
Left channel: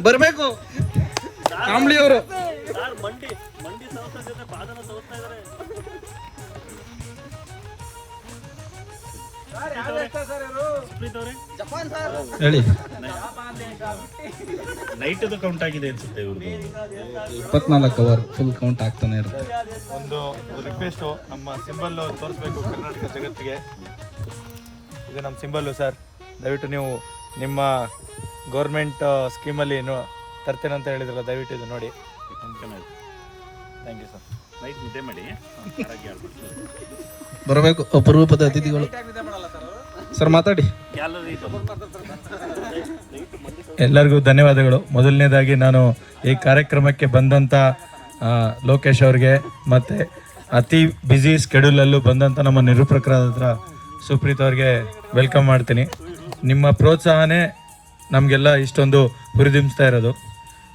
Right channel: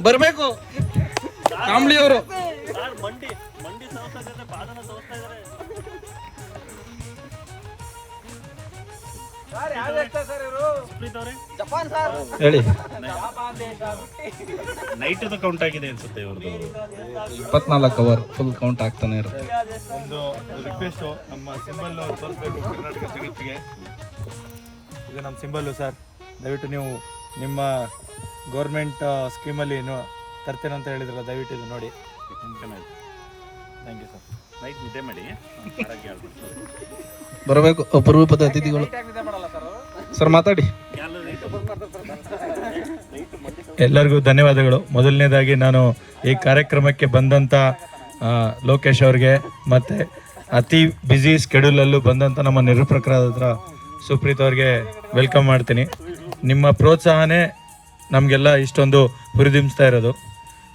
Barbeku. Calmly ಅವರು. ಹೇಳಿ. Night count ಆಗಿದೆ ಅನ್ಸುತ್ತೆ ಇವ್ರದ್ದು. 24 hour full count ಆಗ್ತಾನೆ ಇರುತ್ತೆ. ಒಂದು request, ನಮ್ಮ symbol ತೋರಿಸ್ಬೇಕು ಕರ್ನಾಟಕ ಜಗತ್ತಿಗೆ. ಇದು ನಮ್ಮ ಸಿಂಬಲ್ಲು ಸರ್. ದಯವಿಟ್ಟು ನೀವು ನಿಮ್ಮ ಗೌರ್ಮೆಂಟ್ ಸ್ಕೀಮಲ್ಲಿ ತರ್ತೇನೆ ಅಂತ ಹೇಳಿದ್ರಲ್ಲ, ದಯವಿಟ್ಟು ಇದು ನೋಡಿ. Thank you sir. ನೈಟ್ ನಿದ್ದೆ ಮಾಡಿ ಬರಬೇಕು ಅಪರೂಪದ ಅತಿಥಿಗಳು. ಸರ್ ಮಾತಾಡಿ. ಎಲ್ಲರಿಗೂ ಧನ್ಯವಾದಗಳು. ಮೊದಲನೇದಾಗಿ ನಾನು ಈ ಕಾರ್ಯಕ್ರಮಕ್ಕೆ ಬಂದಂಥ ಲೋಕೇಶ್ ಅವ್ರಿಗೆ ಮತ್ತು ಅತಿ ಬ್ಯುಸಿ ಸ್ಕೆಡ್ಯೂಲಲ್ಲೂ ಬಂದಂಥ ನಮ್ಮ ನಿರೂಪಕರಾದ ಸುಪ್ರೀತ್ ಅವ್ರಿಗೆ ವೆಲ್ಕಮ್ ಮಾಡ್ತೀನಿ. ನಿಮ್ಮ ಪ್ರೋತ್ಸಾಹನೇ ನಮಗೆಲ್ಲ ಇಷ್ಟೊಂದು ಹುರಿದುಂಬಿಸ್ತಾ ಇರೋದು.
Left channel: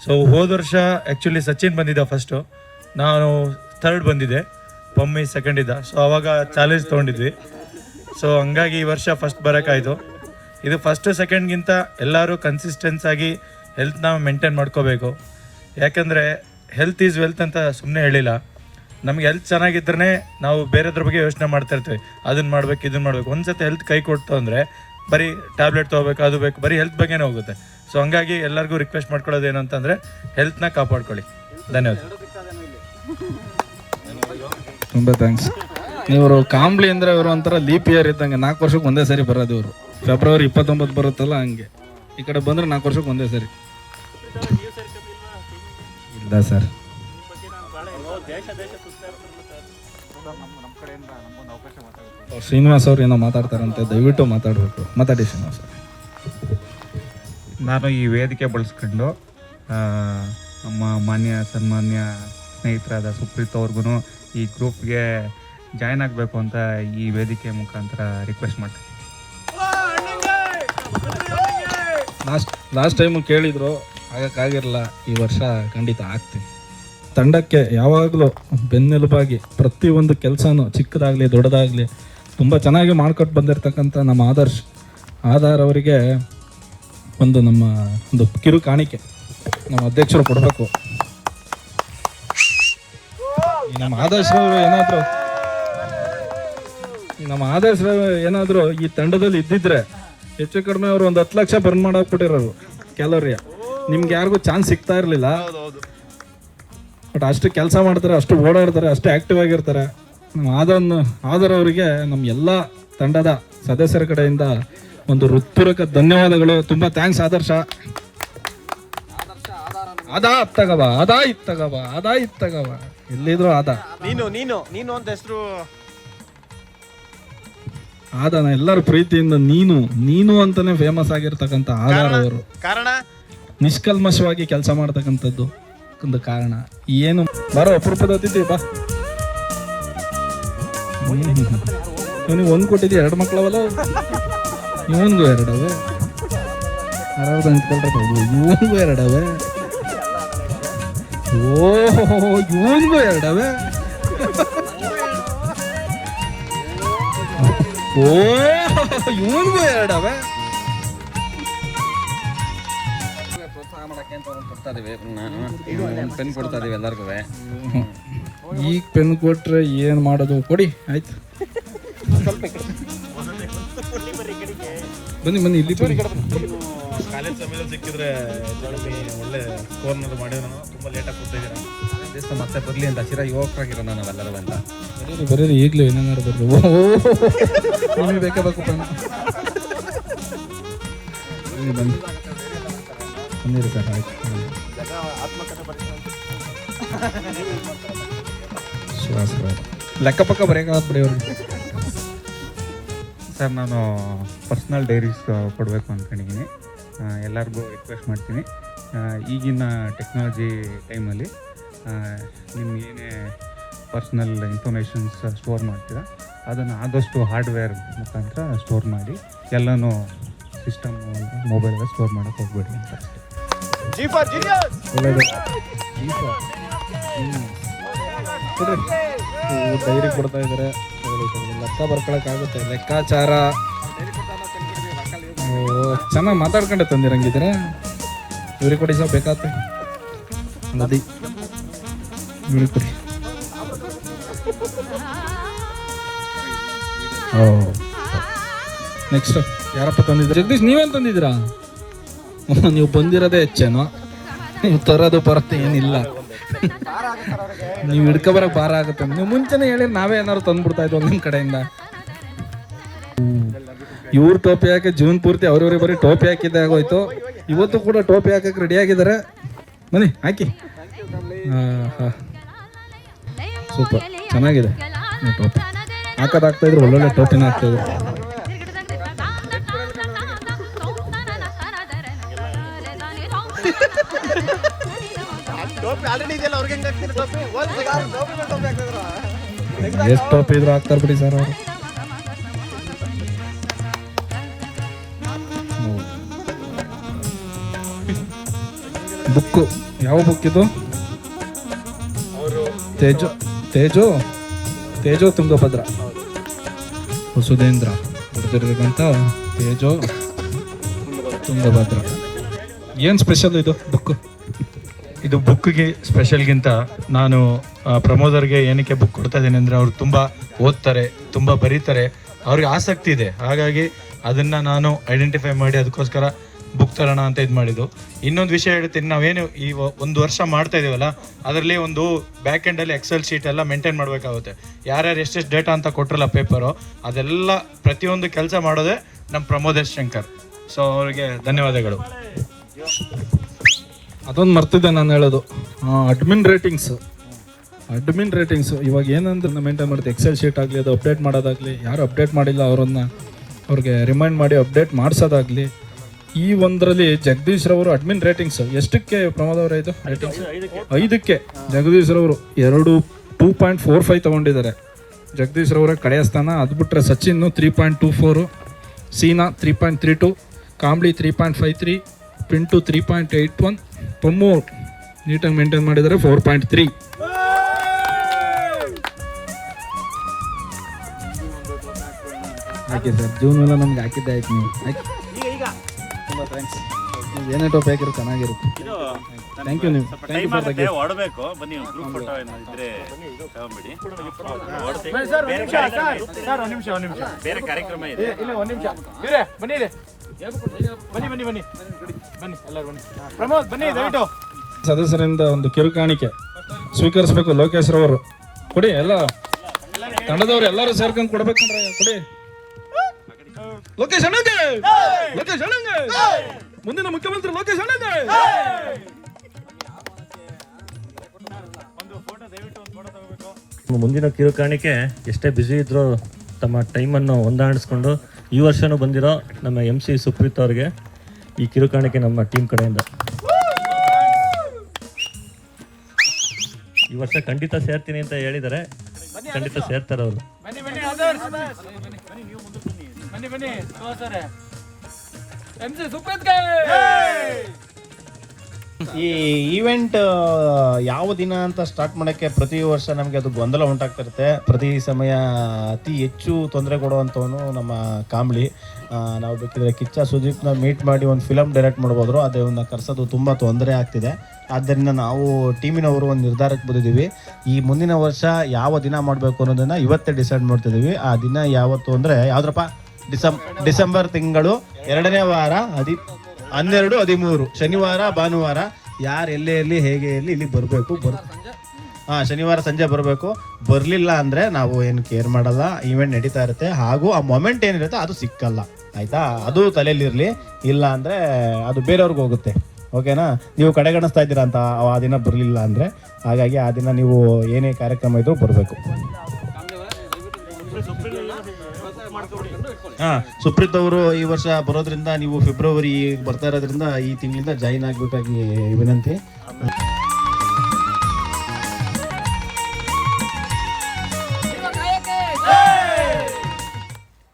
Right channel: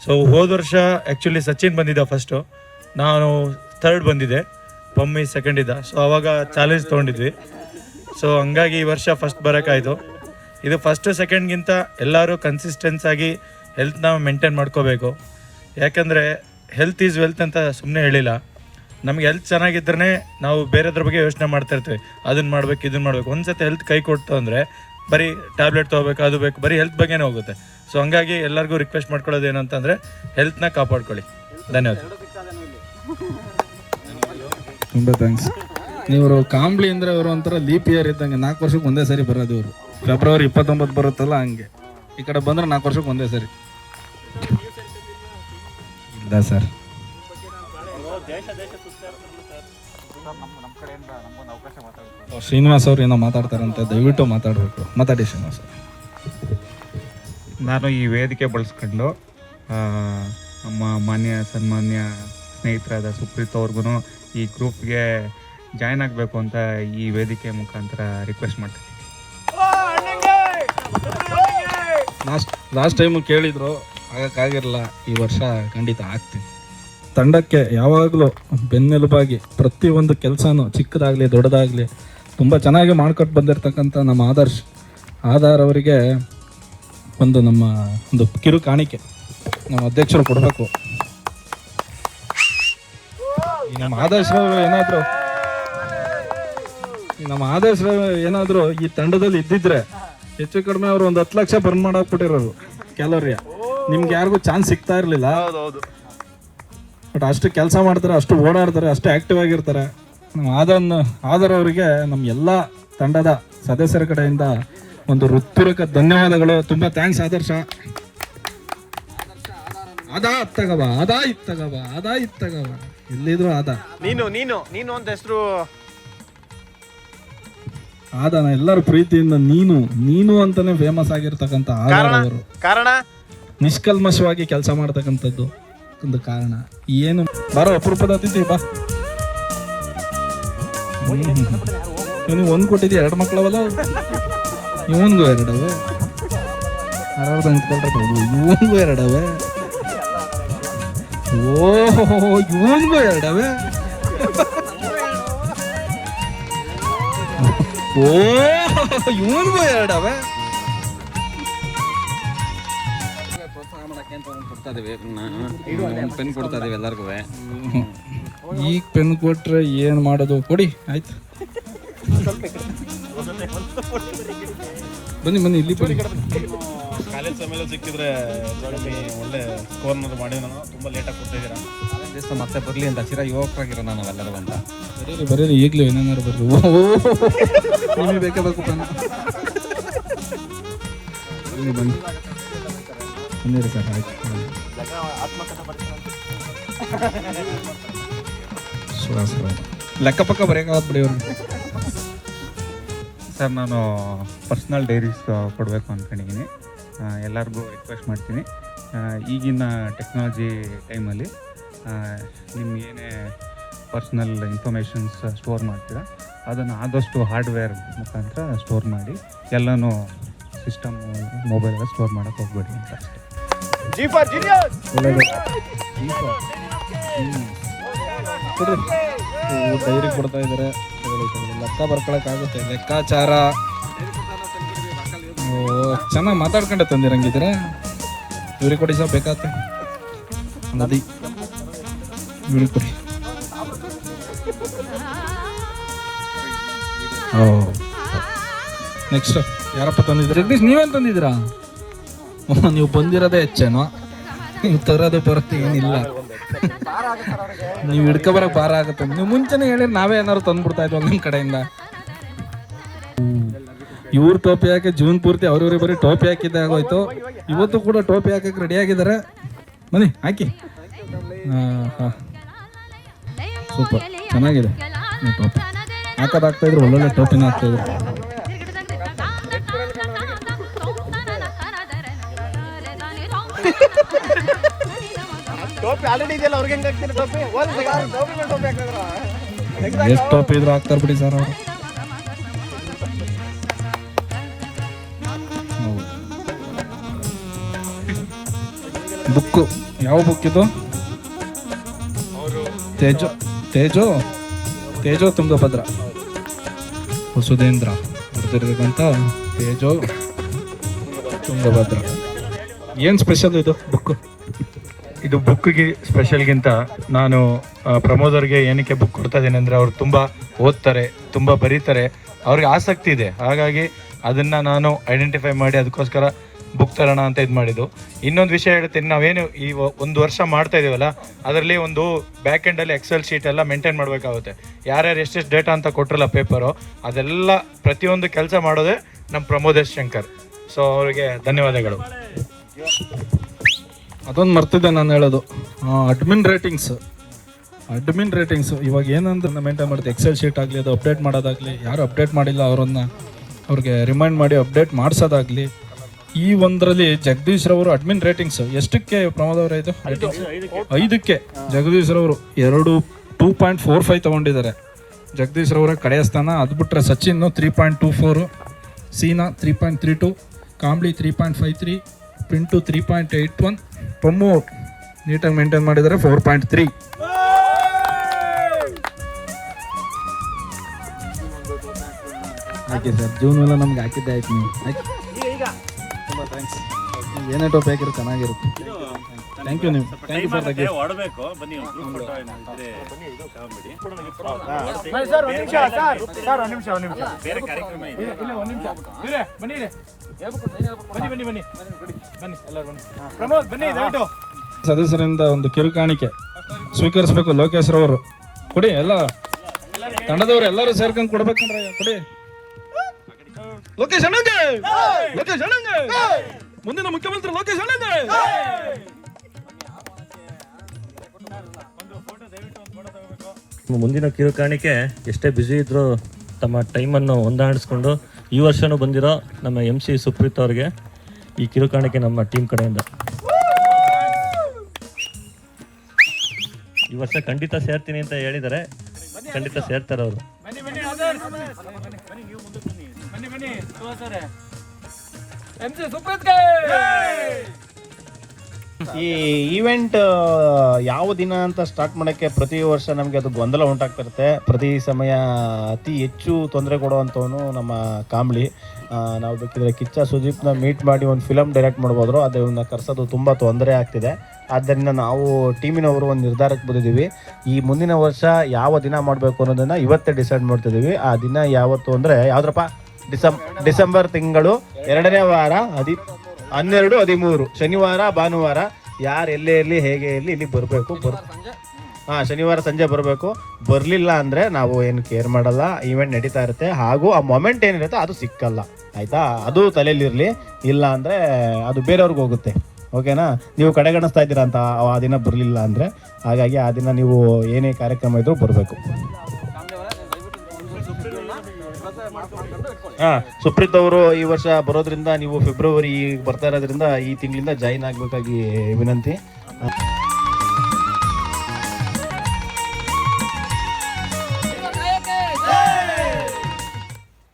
ಸೊ ಹೋದ ವರ್ಷ ಆ್ಯಕ್ಚುಲಿ ಸಚಿನ್ ಬಂದಿದ್ದ ಫಸ್ಟು, ನಾನು ಥರ್ಡ್ ಬಂದಿದ್ದೆ, ಪಮ್ಮಿ ಸೆಕೆಂಡ್ ಇದ್ದ. ಸೊ ಅವಾಗ ಚಾಲೆಂಜ್ ತೊಗೊಂಡಿದ್ವಿ. ಸೊ ಹಂಗಾಗಿ ಈ ವರ್ಷ ಫಸ್ಟ್ ಬರೋಕ್ಕಾಯಿತು. ಇದು ಫಸ್ಟು ಸೆಕೆಂಡ್ಗಿಂತ ಎಲ್ಲರೂ ಕನ್ಸಿಸ್ಟೆನ್ಸ್ ಆಗಿ ಹೆಲ್ತ್ನ ಮೇಂಟೈನ್ ಮಾಡ್ಕೋಬೇಕು. ಯಾಕೆಂದರೆ ಹೆಲ್ತ್ ಈಸ್ ವೆಲ್ತ್ ಅಂತ ಸುಮ್ಮನೆ ಹೇಳಿಲ್ಲ. ನಮ್ಗೆ ಹೆಲ್ತ್ ಚೆನ್ನಾಗಿದ್ದರೆ ನಾವು ಬೇರೆದ್ರ ಬಗ್ಗೆ ಯೋಚನೆ ಮಾಡ್ತಾ ಇರ್ತೀವಿ, ಅದನ್ನು ಮಾಡಬೇಕು ಇದನ್ನು ಮಾಡಬೇಕು. ಒಂದು ಸತಿ ಹೆಲ್ತ್ ಕೈ ಕೊಡ್ತು ಅಂದರೆ ಬರೀ ಟ್ಯಾಬ್ಲೆಟ್ ತೊಗೋಬೇಕು, ಅದು ಬೇಕು, ಬರೀ ಹೆಲ್ತ್ ಬಗ್ಗೆನೇ ಹೋಗುತ್ತೆ. ಸೊ ಹಂಗಾಗಿ ಎಲ್ಲರಿಗೂ ರಿಕ್ವೆಸ್ಟ್ ಮಾಡ್ಕೊಳ್ಳೋದು ಏನು ಅಂತಂದರೆ ಹೆಲ್ತ್ನ ಕಾಪಾಡ್ಕೊಳ್ಳಿ. ಧನ್ಯವಾದ. ತುಂಬ ಥ್ಯಾಂಕ್ಸ್. ಇವರು ಕಾಂಬ್ಲಿ ಅಂದರೆ ಇವರು ಒಂಥರ ಲೀಪ್ ಇಯರ್ ಇದ್ದಂಗೆ. 4 ವರ್ಷಕ್ಕೆ ಒಂದೇ ಸರಿ ಬರೋದು ಇವರು. ಫೆಬ್ರವರಿ 29 ಬರುತ್ತಲ್ಲ ಹಂಗೆ. ಈ ಕಡೆ ಬಂದರೆ 4 ವರ್ಷಕ್ಕೆ ಒಂದೇ ಸರಿ. ಇಲ್ಲ ಸರ್. ಶ್ರೀನಿವಾಸ್ ಅವ್ರು ಏನೋ ಮಾತಾಡ್ತಾರಂತೆ, ದಯವಿಟ್ಟು ಮಾತಾಡಬೇಕು. ಮಾತಾಡಿ ಶ್ರೀನಿವಾಸ್. ನಾನು ಈ ವೇದಿಕೆ ಬಳಸ್ಕೊಂಡು ನಮ್ಮ ಸನ್ಮಾನ್ಯ ಸ್ನೇಹಿತರಾದ ಸುಪ್ರೀತ್ ಅವ್ರಿಗೂ ಈ ಗ್ರೂಪ್ಗೆ ಜಾಯ್ನ್ ಆಗಬೇಕು ಅಂತ ಈ ವೇದಿಕೆ ಮುಖಾಂತರ ರಿಕ್ವೆಸ್ಟ್ ಮಾಡ್ತೀನಿ. ಲಾಸ್ಟ್ ಟೈಮು ಕೇಳಿದ್ರು, ಆಗಕ್ಕಾಗಿರಲ್ಲ. ಈ ವರ್ಷ ಖಂಡಿತ ಆಗ್ತೀವಿ. ತಂಡಕ್ಕೆ ಯಾವಾಗಲೂ ಬೆನ್ನೆಲುಬಾಗಿ ಪ್ರತಿಯೊಂದು ಕೆಲಸನೂ ಚಿಕ್ಕದಾಗಲಿ ದೊಡ್ಡದಾಗಲಿ ತುಂಬ ಚೆನ್ನಾಗಿ ಮಾಡ್ಕೊಟ್ಟು ಬಂದಿರತಕ್ಕಂಥ ನಮ್ಮ ಆಧಾರ್ ಅವರಿಗೆ ನಮ್ಮ ಒಂದು ಕಿರು ಕಾಣಿಕೆ ನಮ್ಮ ಅಧ್ಯಕ್ಷರು ಕೊಡಬೇಕು. ನಮ್ಮ ಆದರ್ಶ ಏನಾದ್ರು ಈ ತಂಡದಲ್ಲಿ ಇದ್ದಿದ್ರೆ ಹೆಚ್ಚು ಕಡಿಮೆ ಅವರು ಒಂದು 10 ಲಕ್ಷ ಬರ್ನ್ ಮಾಡಾಕ್ಬಿಟ್ಟಿರೋರು ಕ್ಯಾಲೋರಿ. ನಿಮ್ಗೆ ಯಾರಿಗೂ ಚಾನ್ಸ್ ಸಿಗ್ತಾ ಇರಲಿಲ್ಲ. ಬಟ್ ಅಷ್ಟು ಕೆಲಸ ಮಾಡ್ತಾರೆ, ಅಷ್ಟು ಓಡಾಡ್ತಾರೆ, ಅಷ್ಟು ಆಕ್ಟಿವ್ ಆಗಿರ್ತಾರೆ. ಆದರ್ ಅವರಿಗೆ ನಮ್ಮ ಎಲ್ಲ ತಂಡದ ಸದಸ್ಯರ ಕಡೆಯಿಂದ ಒಂದು ಹೃತ್ಪೂರ್ವಕ ಧನ್ಯವಾದಗಳು. ತುಂಬಾ ಥ್ಯಾಂಕ್ಸ್ ಆದರ್ಶ. ಅದಾ ಇತ್ತಗವ ಎಲ್ಲಿದ್ರು ನೀನು ಅಂತ ಹೆಸರು ಆದನ ಎಲ್ಲರ ಪ್ರೀತಿಯಿಂದ ನೀನು ಅಂತಾನೆ ಫೇಮಸ್ ಆಗಿರ್ತಕ್ಕಂಥ ಆಧಾರ್ ಅವರು ಕಾರಣ ನಿಷ್ಕಲ್ಮಶವಾಗಿ ಕೆಲಸ ಮಾಡ್ತಕ್ಕಂಥದ್ದು ಒಂದು ಕಾರಣ ಏನು. ಬಾರೋ ಅಪರೂಪದ ಅತಿಥಿ ಬಾ. ನೀವು 1 ಕೊಟ್ಟಿದ್ದೀಯ, 2 ಮಕ್ಕಳವಲ್ಲ, ಇವನ್ಗೂ 2 ಅವೆ, ಇವನ್ಗೂ 2 ಅವೆ, ಓಹೋ ಇವನ್ಗೂ 2 ಅವೆ, ಇವನ್ಗೂ 2 ಅವೆ. ಪ್ರೋತ್ಸಾಹ ಮಾಡಕ್ಕೆ ಅಂತ ಒಂದು ಕೊಡ್ತಾ ಇದೀವಿ, ಒಂದು ಪೆನ್ ಕೊಡ್ತಾ ಇದೀವಿ ಎಲ್ಲರಿಗೂ. ಈಗ ಪೆನ್ ಕೊಟ್ರೆ ಏನು ಮಾಡೋದು, ಕೊಡಿ ಆಯ್ತು. ಬನ್ನಿ ಇಲ್ಲಿ ಬನ್ನಿ. ಕಾಲೇಜ್ ಸಮಯ ಸಿಕ್ಕಿದ್ರೆ ಒಳ್ಳೆ ಫೋನ್ ಮಾಡಿ ನಾನು ತುಂಬ ಲೇಟಾಗಿ ಕೊಟ್ಟಿದ್ದೀನಿ. ಮತ್ತೆ ಬರಲಿ ಅಂತ ಚಿರ ಯುವಕರಾಗಿರೋ ನಾನು ಎಲ್ಲರಿಗೂ ಅಂತ ಬರೀರಿ ಈಗಲೇ ಏನೇನಾರು ಬರ್ರಿ. ನಿಮಗೆ ಬೇಕೇ ಬೇಕು ಪೆನ್. ಬನ್ನಿ 100 ರೂಪಾಯಿ ಆಯ್ತು. ಲೆಕ್ಕ ಪಕ್ಕ ಬರೆಯೋಕ್ಕಾಗತ್ತೆ ಬಿಡಿ ಅವ್ರಿಗೆ. ಸರ್ ನಾನು ಪರ್ಸ್ನಲ್ ಡೈರೀಸ್ ಕೊಡಬೇಕು ಅಂದ್ಕೊಂಡಿದ್ದೀನಿ. ಎಲ್ಲರಿಗೂ ರಿಕ್ವೆಸ್ಟ್ ಮಾಡ್ತೀನಿ, ಈಗಿನ ಟೆಕ್ನಾಲಜಿ ಟೈಮಲ್ಲಿ ನಿಮ್ಗೇನೇ ಪರ್ಸ್ನಲ್ ಇನ್ಫಾರ್ಮೇಷನ್ಸ್ ಸ್ಟೋರ್ ಮಾಡ್ತೀರ ಅದನ್ನು ಆದಷ್ಟು ಹಾರ್ಡ್ವೇರ್ ಮುಖಾಂತರ ಸ್ಟೋರ್ ಮಾಡಿ, ಎಲ್ಲನೂ ಸಿಸ್ಟಮ್ ಮೊಬೈಲ್ಗೆ ಸ್ಟೋರ್ ಮಾಡೋಕ್ಕೆ ಹೋಗ್ಬೇಡಿ ಅಂತ ಅಷ್ಟೇ. ಡೈರಿ ಕೊಡ್ತಾ ಇದ್ದಾರೆ, ಲೆಕ್ಕ ಬರ್ಕೊಳಕ್ಕಾಗುತ್ತೆ, ಲೆಕ್ಕಾಚಾರ ಚೆನ್ನಾಗಿ ಮಾತಾಡ್ಕೊಂಡೆ ತಂದಿರಂಗಿದ್ರೆ ಇವ್ರಿಗೆ ಕೊಡಿ ಸಹ ಬೇಕಾತ ನದಿ ಕೊಡಿ. ನೆಕ್ಸ್ಟ್ ಯಾರಪ್ಪ ತಂದಿದ್ದೀರಾ? ಜಗದೀಶ್ ನೀವೇನು ತಂದಿದ್ದೀರಾ? ನೀವು ಬಂದಿರೋದೇ ಹೆಚ್ಚೇನೋ, ನೀವು ತರೋದು ಬರುತ್ತೆ ಏನಿಲ್ಲ. ನೀವು ಹಿಡ್ಕೊಬರಕ್ಕೆ ಭಾರ ಆಗುತ್ತೆ. ನೀವು ಮುಂಚೆನೇ ಹೇಳಿ ನಾವೇ ಏನಾದ್ರು ತಂದ್ಬಿಡ್ತಾ ಇದ್ವಿ ನಿಮ್ಮ ಕಡೆಯಿಂದ. ಇವ್ರು ಟೋಪಿ ಹಾಕಿ ಜೀವನ ಪೂರ್ತಿ ಅವ್ರವ್ರಿಗೆ ಬರೀ ಟೋಪಿ ಹಾಕಿದ್ದೆ ಆಗೋಯ್ತು. ಇವತ್ತು ಕೂಡ ಟೋಪಿ ಹಾಕಕ್ಕೆ ರೆಡಿ ಆಗಿದ್ದಾರೆ. ಬನ್ನಿ ಹಾಕಿ. ಸೂಪರ್ ಚೆನ್ನಾಗಿದೆ ಟೋಪಿ. ಹಾಕೋದಾಗ್ತಾ ಇದ್ರು, ಒಳ್ಳೊಳ್ಳೆ ಟೋಪಿನ ಹಾಕ್ತಾ ಇದ್ರು. ಎಷ್ಟು ಟೋಪಿ ಇದ್ರು ಹಾಕ್ತಾರೆ ಬಿಡಿ ಸರ್ ಅವರು. ಬುಕ್ ಯಾವ ಬುಕ್ ಇದು? ತೇಜೋ ತುಂಗಭದ್ರ ಸುಧೀಂದ್ರ ಬರ್ದಿರ್ತಕ್ಕಂಥ ತೇಜೋ ತುಂಗಭದ್ರ. ಏನು ಸ್ಪೆಷಲ್ ಇದು ಬುಕ್? ಇದು ಬುಕ್ಗೆ ಸ್ಪೆಷಲ್ಗಿಂತ ನಾನು ಪ್ರಮೋದರ್ಗೆ ಏನಕ್ಕೆ ಬುಕ್ ಕೊಡ್ತಾ ಇದ್ದೀನಿ ಅಂದರೆ, ಅವ್ರು ತುಂಬ ಓದ್ತಾರೆ, ತುಂಬ ಬರೀತಾರೆ, ಅವ್ರಿಗೆ ಆಸಕ್ತಿ ಇದೆ. ಹಾಗಾಗಿ ಅದನ್ನು ನಾನು ಐಡೆಂಟಿಫೈ ಮಾಡಿ ಅದಕ್ಕೋಸ್ಕರ ಬುಕ್ ತರೋಣ ಅಂತ ಇದು ಮಾಡಿದ್ದು. ಇನ್ನೊಂದು ವಿಷಯ ಹೇಳ್ತೀನಿ, ನಾವೇನು ಈ 1 ವರ್ಷ ಮಾಡ್ತಾ ಇದೀವಲ್ಲ, ಅದರಲ್ಲಿ ಒಂದು ಬ್ಯಾಕ್ ಎಂಡಲ್ಲಿ ಎಕ್ಸೆಲ್ ಶೀಟ್ ಎಲ್ಲ ಮೇಂಟೈನ್ ಮಾಡಬೇಕಾಗುತ್ತೆ. ಯಾರ್ಯಾರು ಎಷ್ಟೆಷ್ಟು ಡೇಟಾ ಅಂತ ಕೊಟ್ಟಿರಲ್ಲ ಪೇಪರು, ಅದೆಲ್ಲ ಪ್ರತಿಯೊಂದು ಕೆಲಸ ಮಾಡೋದೇ ನಮ್ಮ ಪ್ರಮೋದೇಶ್ ಶಂಕರ್. ಸೊ ಅವರಿಗೆ ಧನ್ಯವಾದಗಳು. ಅದೊಂದು ಮರ್ತಿದ್ದೆ ನಾನು ಹೇಳೋದು, ಅಡ್ಮಿನ್ ರೇಟಿಂಗ್ಸ್ ಇವಾಗ ಏನಂದ್ರೆ ಮೇಂಟೈನ್ ಮಾಡ್ತೀವಿ. ಎಕ್ಸೆಲ್ ಶೀಟ್ ಆಗಲಿ, ಅದು ಅಪ್ಡೇಟ್ ಮಾಡೋದಾಗಲಿ, ಯಾರು ಅಪ್ಡೇಟ್ ಮಾಡಿಲ್ಲ ಅವ್ರಿಗೆ ರಿಮೈಂಡ್ ಮಾಡಿ ಅಪ್ಡೇಟ್ ಮಾಡಿಸೋದಾಗಲಿ. ಈ ಒಂದರಲ್ಲಿ ಜಗದೀಶ್ ರವರು ಅಡ್ಮಿನ್ ರೇಟಿಂಗ್ಸ್ ಎಷ್ಟಕ್ಕೆ ಪ್ರಮೋದ್ ಅವರ ಇದು ರೇಟಿಂಗ್ಸ್? 5ಕ್ಕೆ ಜಗದೀಶ್ ರವರು 2.45 ತಗೊಂಡಿದ್ದಾರೆ. ಜಗದೀಶ್ ರವರ ಕಡೆಯ ಸ್ಥಾನ. ಅದು ಬಿಟ್ಟರೆ ಸಚಿನ್ 3.24, ಸೀನಾ 3.32, ಕಾಂಬ್ಳಿ 3.53, ಪಿಂಟು 3.81, ಪಮ್ಮು ನೀಟಾಗಿ ಮೇಂಟೈನ್ ಮಾಡಿದ್ದಾರೆ 4.3. ಹಾಕಿ ಸರ್, ಜೂನ್ ಎಲ್ಲ ನಮ್ಗೆ ಹಾಕಿದ್ದೆ ಆಯ್ತು. ನೀವು ಹಾಕಿ. ತುಂಬ ಥ್ಯಾಂಕ್ಸ್. ಏನೇಟೋ ಬೇಕಿರೋ ಚೆನ್ನಾಗಿರುತ್ತೆ. Thank you ನೀವು. ಸ್ವಲ್ಪ ಟೈಮ್ ಆಗುತ್ತೆ ಹೊಡಬೇಕು. ಬನ್ನಿ ಗ್ರೂಪ್ ಫೋಟೋ ಇದ್ರೆ ತಗೊಂಬಿಡಿ. ಬೇರೆ ಕಾರ್ಯಕ್ರಮ ಇದೆ. ಪ್ರಮೋದ್ ಬನ್ನಿ ದಯವಿಟ್ಟು. ಸದಸ್ಯರಿಂದ ಒಂದು ಕಿರುಕಾಣಿಕೆ ಸ್ವೀಕರಿಸಬೇಕು. ಲೋಕೇಶ್ ರವರು ಕೊಡಿ, ಎಲ್ಲ ತಂಡದವರು ಎಲ್ಲರೂ ಸೇರ್ಕೊಂಡು ಕೊಡ್ಬೇಕಂದ್ರೆ ಕೊಡಿ. ಲೋಕೇಶ್ ಅಣ್ಣಗೆ, ಲೋಕೇಶ್ ಅಣ್ಣಗೆ, ಮುಂದಿನ ಮುಖ್ಯಮಂತ್ರಿ ಲೋಕೇಶ್ ಅಣ್ಣಗೆ. ಮುಂದಿನ ಕಿರುಕಾಣಿಕೆ ಎಷ್ಟೇ ಬ್ಯುಸಿ ಇದ್ರೂ ತಮ್ಮ ಟೈಮನ್ನು ಹೊಂದಾಣಿಸ್ಕೊಂಡು ಈ ವರ್ಷನೂ ಬಂದಿರೋ ನಮ್ಮ MC ಸುಪ್ರೀತ್ ಅವ್ರಿಗೆ ಈ ಕಿರುಕಾಣಿಕೆ ನಮ್ಮ ಟೀಮ್ ಕಡೆಯಿಂದ. ಈ ವರ್ಷ ಖಂಡಿತ ಸೇರ್ತೀನಿ ಅಂತ ಹೇಳಿದ್ದಾರೆ, ಖಂಡಿತ ಸೇರ್ತಾರೆ ಅವರು. ಈ ಈವೆಂಟ್ ಯಾವ ದಿನ ಅಂತ ಸ್ಟಾರ್ಟ್ ಮಾಡೋಕ್ಕೆ ಪ್ರತಿ ವರ್ಷ ನಮಗೆ ಅದು ಗೊಂದಲ ಉಂಟಾಗ್ತಿರುತ್ತೆ. ಪ್ರತಿ ಸಮಯ ಅತಿ ಹೆಚ್ಚು ತೊಂದರೆ ಕೊಡುವಂಥವನು ನಮ್ಮ ಕಾಂಬ್ಳಿ. ನಾವು ಬೇಕಿದ್ರೆ ಕಿಚ್ಚ ಸುದೀಪ್ನ ಮೀಟ್ ಮಾಡಿ ಒಂದು ಫಿಲಮ್ ಡೈರೆಕ್ಟ್ ಮಾಡ್ಬೋದ್ರು, ಅದನ್ನು ಕರ್ಸೋದು ತುಂಬ ತೊಂದರೆ ಆಗ್ತಿದೆ. ಆದ್ದರಿಂದ ನಾವು ಟೀಮಿನವರು ಒಂದು ನಿರ್ಧಾರಕ್ಕೆ ಬಂದಿದ್ದೀವಿ. ಈ ಮುಂದಿನ ವರ್ಷ ಯಾವ ದಿನ ಮಾಡಬೇಕು ಅನ್ನೋದನ್ನು ಇವತ್ತೇ ಡಿಸೈಡ್ ಮಾಡ್ತಿದ್ದೀವಿ. ಆ ದಿನ ಯಾವತ್ತು ಅಂದರೆ ಯಾವುದ್ರಪ್ಪ, ಡಿಸೆಂಬರ್ ತಿಂಗಳು 2ನೇ ವಾರ 12, 13 ಶನಿವಾರ ಭಾನುವಾರ. ಯಾರು ಎಲ್ಲೇ ಇರಲಿ ಹೇಗೆ ಇರಲಿ ಇಲ್ಲಿ ಬರಬೇಕು. ಶನಿವಾರ ಸಂಜೆ ಬರಬೇಕು. ಬರಲಿಲ್ಲ ಅಂದರೆ ನಾವು ಏನು ಕೇರ್ ಮಾಡಲ್ಲ, ಈವೆಂಟ್ ನಡೀತಾ ಇರುತ್ತೆ. ಹಾಗೂ ಆ ಮೊಮೆಂಟ್ ಏನಿರುತ್ತೆ ಅದು ಸಿಕ್ಕಲ್ಲ, ಆಯಿತಾ? ಅದು ತಲೆಯಲ್ಲಿರಲಿ. ಇಲ್ಲ ಅಂದರೆ ಅದು ಬೇರೆಯವ್ರಿಗೆ ಹೋಗುತ್ತೆ. ಓಕೆನಾ? ನೀವು ಕಡೆಗಣಿಸ್ತಾ ಇದ್ದೀರಾ ಅಂತ ಆ ದಿನ ಬರಲಿಲ್ಲ ಅಂದರೆ. ಹಾಗಾಗಿ ಆ ದಿನ ನೀವು ಏನೇ ಕಾರ್ಯಕ್ರಮ ಇದ್ರೂ ಬರಬೇಕು. ಸುಪ್ರೀತ್ ಅವರು ಈ ವರ್ಷ ಬರೋದ್ರಿಂದ ನೀವು ಫೆಬ್ರವರಿ ಬರ್ತಾ ಇರೋದ್ರಿಂದ ಈ ತಿಂಗಳಿಂದ ಜಾಯಿನ್ ಆಗಬೇಕಾಗಿ ವಿನಂತಿ.